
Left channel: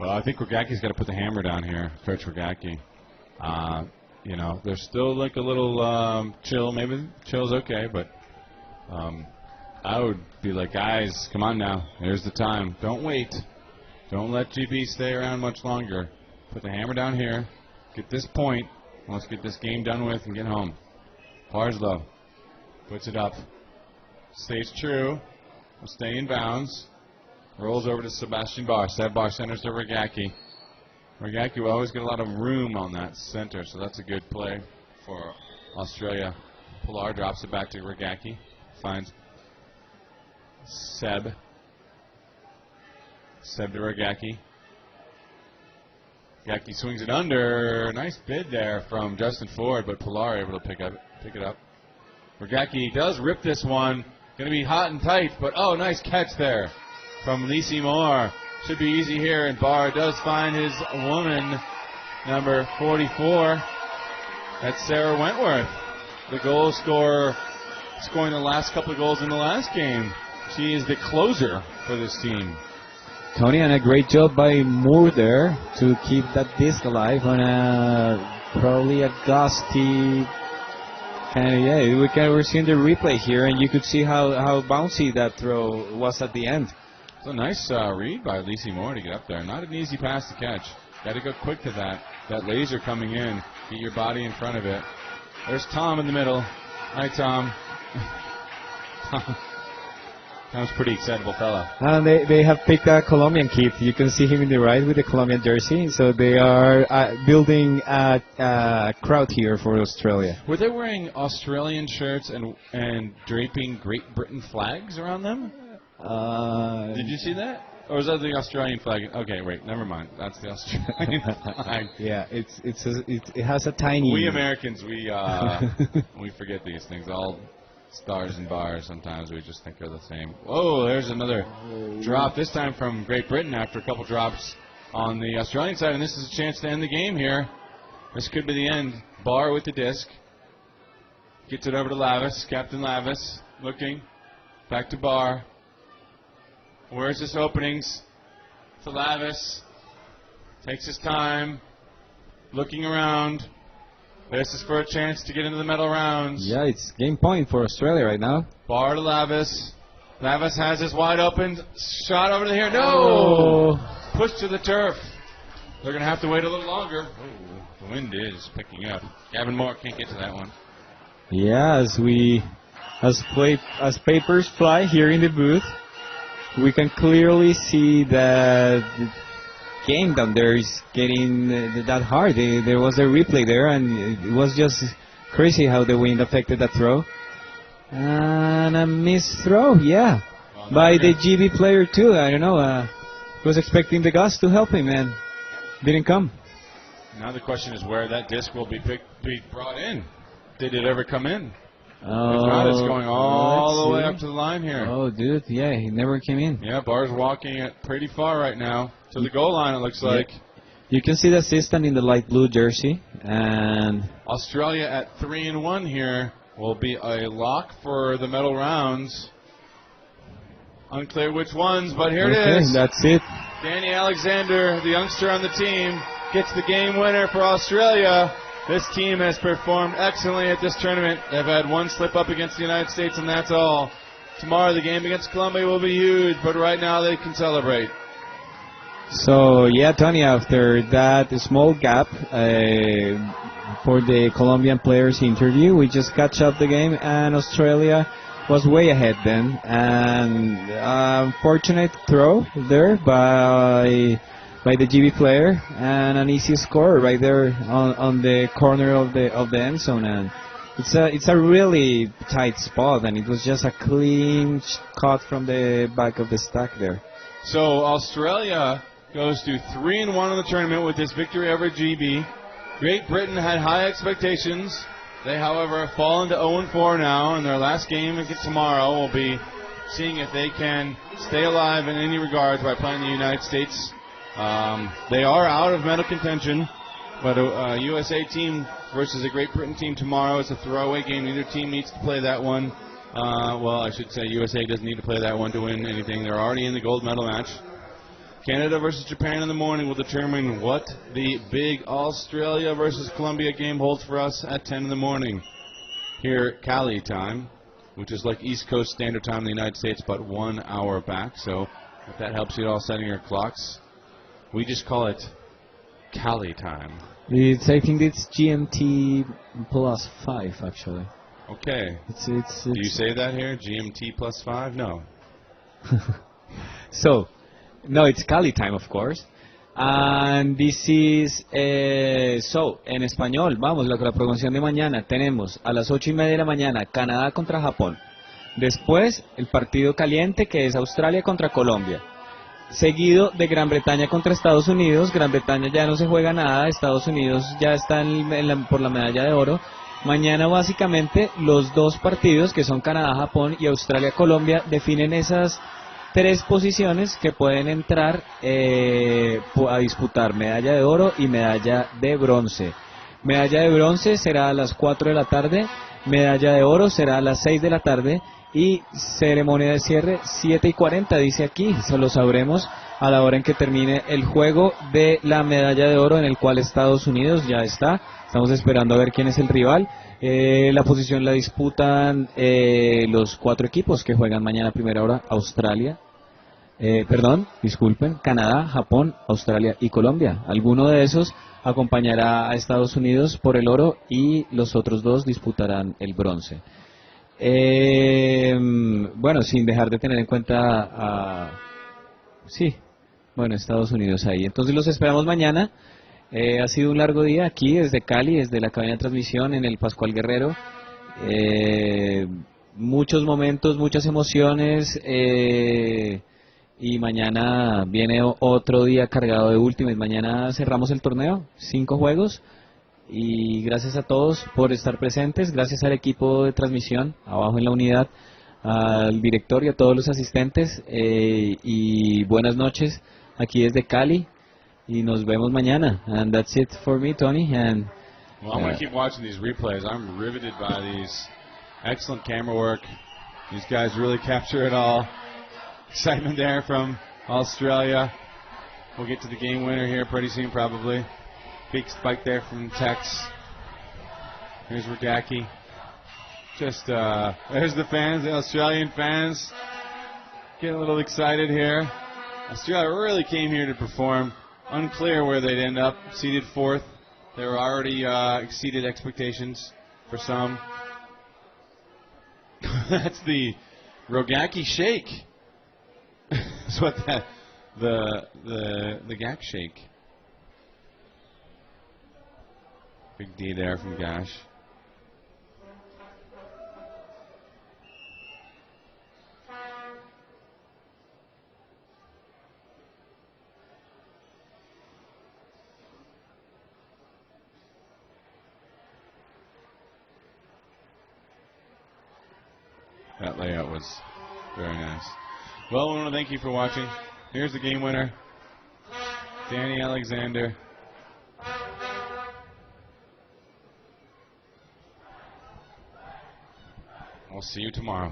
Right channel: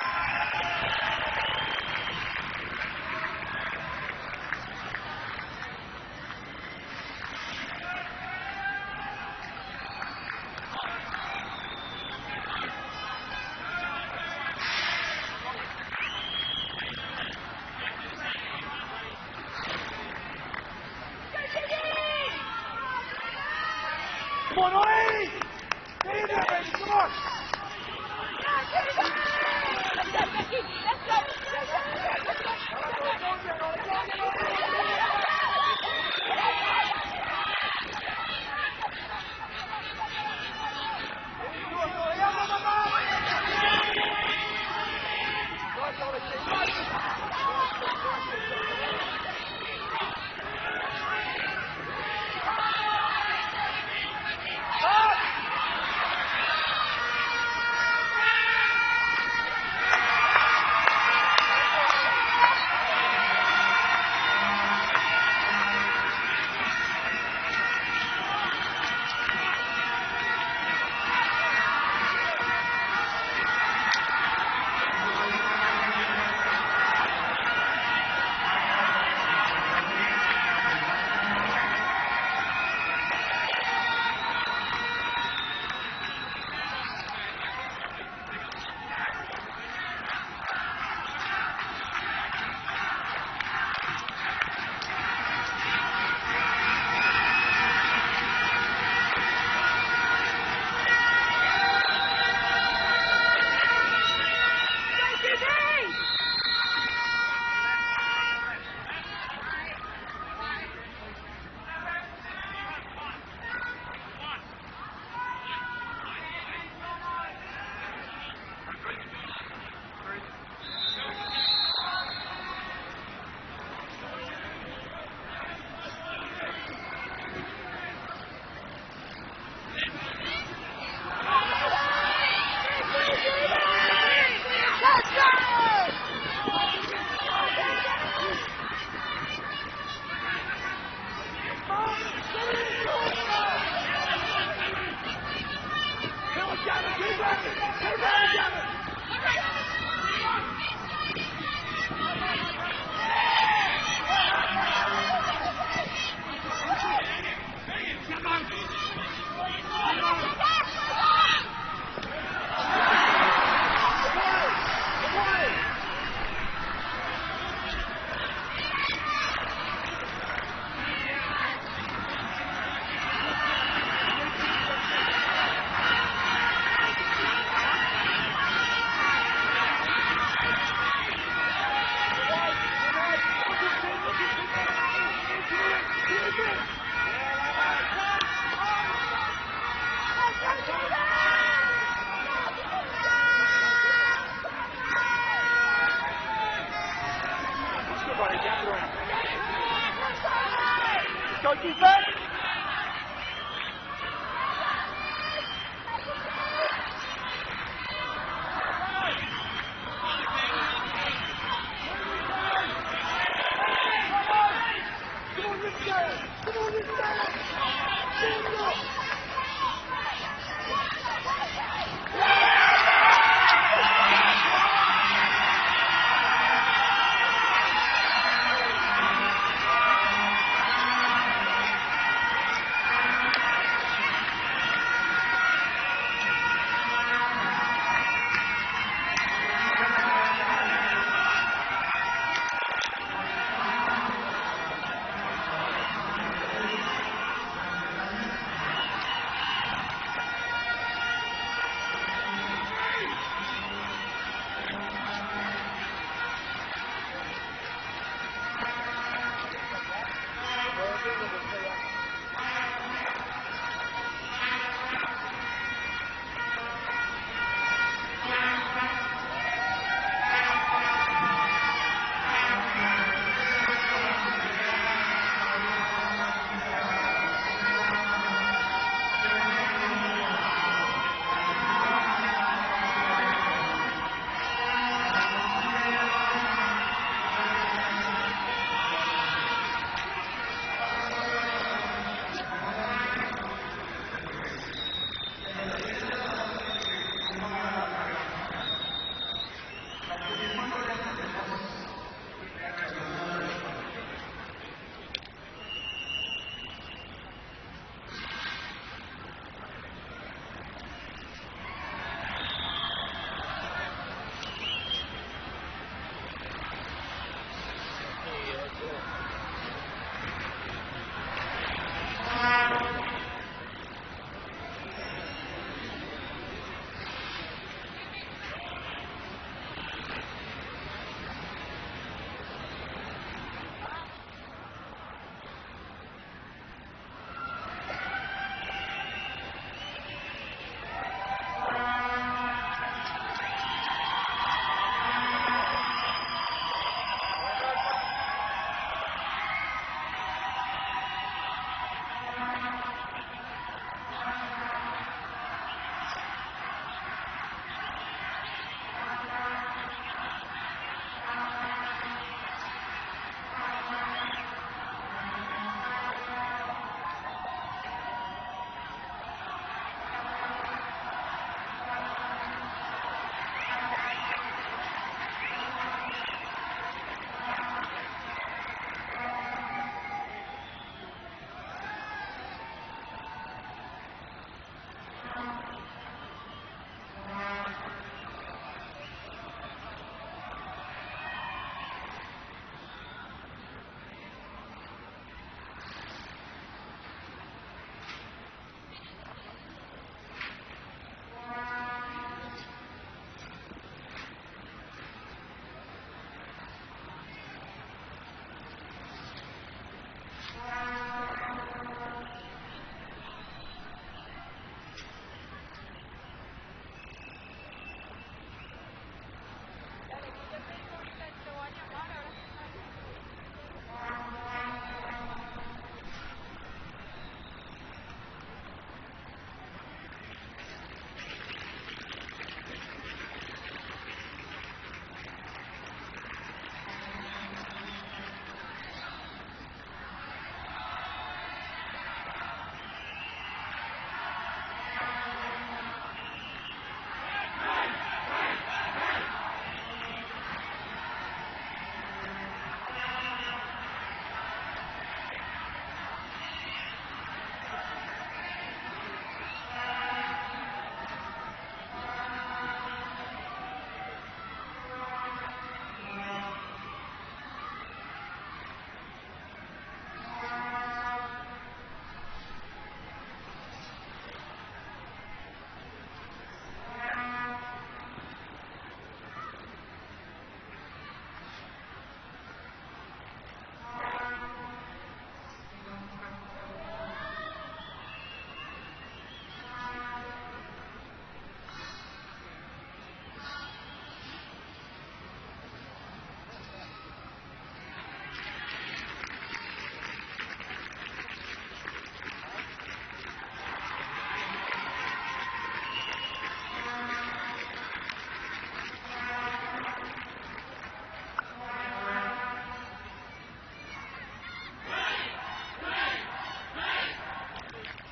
Well, I think Regaki's got to put the hammer down here, Coach Regaki. You know, they're still like a little chill. Maybe chill's okay, but I would be like, guys, come on now. There's the time. Don't wait. Don't let GB stay around much longer. Put the hammer down here. Get this point. Let's get this game done with and get home. Barslow puts it up. Stays true. Staying in bounds. Rolls over to Sebastian Barr. Seb Barr centers to Regaki. Regaki will always get a lot of room on that center, so that's a good play for Australia. Pilar drops it back to Regaki. Finds Seb. Seb to Regaki. Regaki swings it under. Nice bid there from Justin Ford, but Pilar able to pick it up. Regaki does rip this one. Going to be hot and tight, but oh, nice catch there from Lisi Moore. Should be easy here, and Barr does find his woman, number 44. That's Sarah Wentworth, the goal scorer, scoring the last couple of goals in the last game. She is the closer for this team. Tony, and a great job by Moore there to keep that disc alive on probably a dusty. We're seeing the replay here, and you could see how bouncy that throw was at the end. It's a nice read by Lisi Moore to get up there. Not an easy pass to catch. Got to go quick to that. That laser coming in. Get your body in front of it. There's Tom in the middle. Hi, Tom. That's a pretty excitable fella. And they have picked a Colombian kid. You can see him in the right with the Colombian jersey. So they are building a crowd here for Australia. Were they wearing Australian shirts and draping Great Britain flags around them? Did you see that? Or was that the Australian flag? Okay, wait, never mind. That's the Australian flag. Yeah, it has a tiny. We Americans, we forget these things. All stars and bars. Sometimes we just think they're the same. Oh, there's another drop. This time from Great Britain after a couple drops on the Australian side, and this is a chance to end the game here. This could be the end. Barr with the disc. Gets it over to Lavis. Captain Lavis looking. Back to Barr. Where's his openings? To Lavis. Takes his time. Looking around. Versus for a chance to get into the medal rounds. Yeah, it's game point for Australia right now. Barr to Lavis. Lavis has his wide open shot over to here. No! Push to the turf. They're going to have to wait a little longer. The wind is picking up. Gavin Moore can't get to that one. Yeah, as papers fly here in the booth, we can clearly see that the game down there is getting that hard. There was a replay there, and it was just crazy how the wind affected that throw. And a missed throw, yeah, by the GB player too. I don't know. Was expecting the Gus to help him, and didn't come. Now the question is where that disc will be brought in. Did it ever come in? It's going all the way up to the line here. Oh, dude, yeah, he never came in. Yeah, Barr's walking it pretty far right now to the goal line, it looks like. You can see the assistant in the light blue jersey. And Australia at 3-1 here will be a lock for the medal rounds. Unclear which ones, but here it is. That's it. Danny Alexander, the youngster on the team, gets the game winner for Australia. This team has performed excellently at this tournament. They've had one slip up against the United States, and that's all. Tomorrow the game against Colombia will be huge, but right now they can celebrate. So, yeah, Tony, after that small gap for the Colombian players' interview, we just catch up the game, and Australia was way ahead then. And unfortunate throw there by the GB player, and an easy score right there on the corner of the end zone. And it's a really tight spot, and it was just a clean cut from the back of the stack there. So Australia goes to 3-1 in the tournament with this victory over GB. Great Britain had high expectations. They, however, have fallen to 0-4 now, and their last game is tomorrow. We'll be seeing if they can stay alive in any regards by playing the United States. They are out of medal contention, But a USA team versus a Great Britain team tomorrow. It's a throwaway game. Neither team needs to play that one. Well, I should say USA doesn't need to play that one to win anything. They're already in the gold medal match. Canada versus Japan in the morning will determine what the big Australia versus Colombia game holds for us at 10 in the morning. Here, Cali time, which is like East Coast Standard Time in the United States, but 1 hour back. So if that helps you all setting your clocks, we just call it Cali time. I think it's GMT plus 5, actually. Okay. You say that here? GMT plus 5? No. So, no, it's Cali time, of course. And this is, so, en español, vamos, la programación de mañana, tenemos a las 8:30 de la mañana, Canadá contra Japón. Después, el partido caliente, que es Australia contra Colombia. Seguido de Gran Bretaña contra Estados Unidos. Gran Bretaña ya no se juega nada, Estados Unidos ya está por la medalla de oro. Mañana básicamente los dos partidos, que son Canadá-Japón y Australia-Colombia, definen esas 3 posiciones que pueden entrar a disputar medalla de oro y medalla de bronce. Medalla de bronce será a las 4 de la tarde, medalla de oro será a las 6 de la tarde y ceremonia de cierre 7:40, dice aquí. Se lo sabremos a la hora en que termine el juego de la medalla de oro, en el cual Estados Unidos ya está. Estamos esperando a ver quién es el rival. La posición la disputan los 4 equipos que juegan mañana a primera hora. Canadá, Japón, Australia y Colombia. Alguno de esos acompañará a Estados Unidos por el oro y los otros 2 disputarán el bronce. Bueno, sin dejar de tener en cuenta Estados Unidos ahí. Entonces los esperamos mañana. Ha sido un largo día aquí desde Cali, desde la cabina de transmisión en el Pascual Guerrero. Muchos momentos, muchas emociones, y mañana viene otro día cargado de Ultimate. Mañana cerramos el torneo, 5 juegos, y gracias a todos por estar presentes, gracias al equipo de transmisión abajo en la unidad, al director y a todos los asistentes, y buenas noches aquí desde Cali. Y nos vemos mañana. And that's it for me, Tony. And well, I'm going to keep watching these replays. I'm riveted by these. Excellent camera work. These guys really capture it all. Excitement there from Australia. We'll get to the game winner here pretty soon, probably. Big spike there from Tex. Here's Regaki. Just, there's the fans, the Australian fans. Getting a little excited here. Australia really came here to perform. Unclear where they'd end up. Seeded 4th. They were already exceeded expectations for some. That's the Rogaki shake. That's what the Gak shake. Big D there from Gash. That layout was really nice. Well, I want to thank you for watching. Here's the game winner, Danny Alexander. I'll see you tomorrow.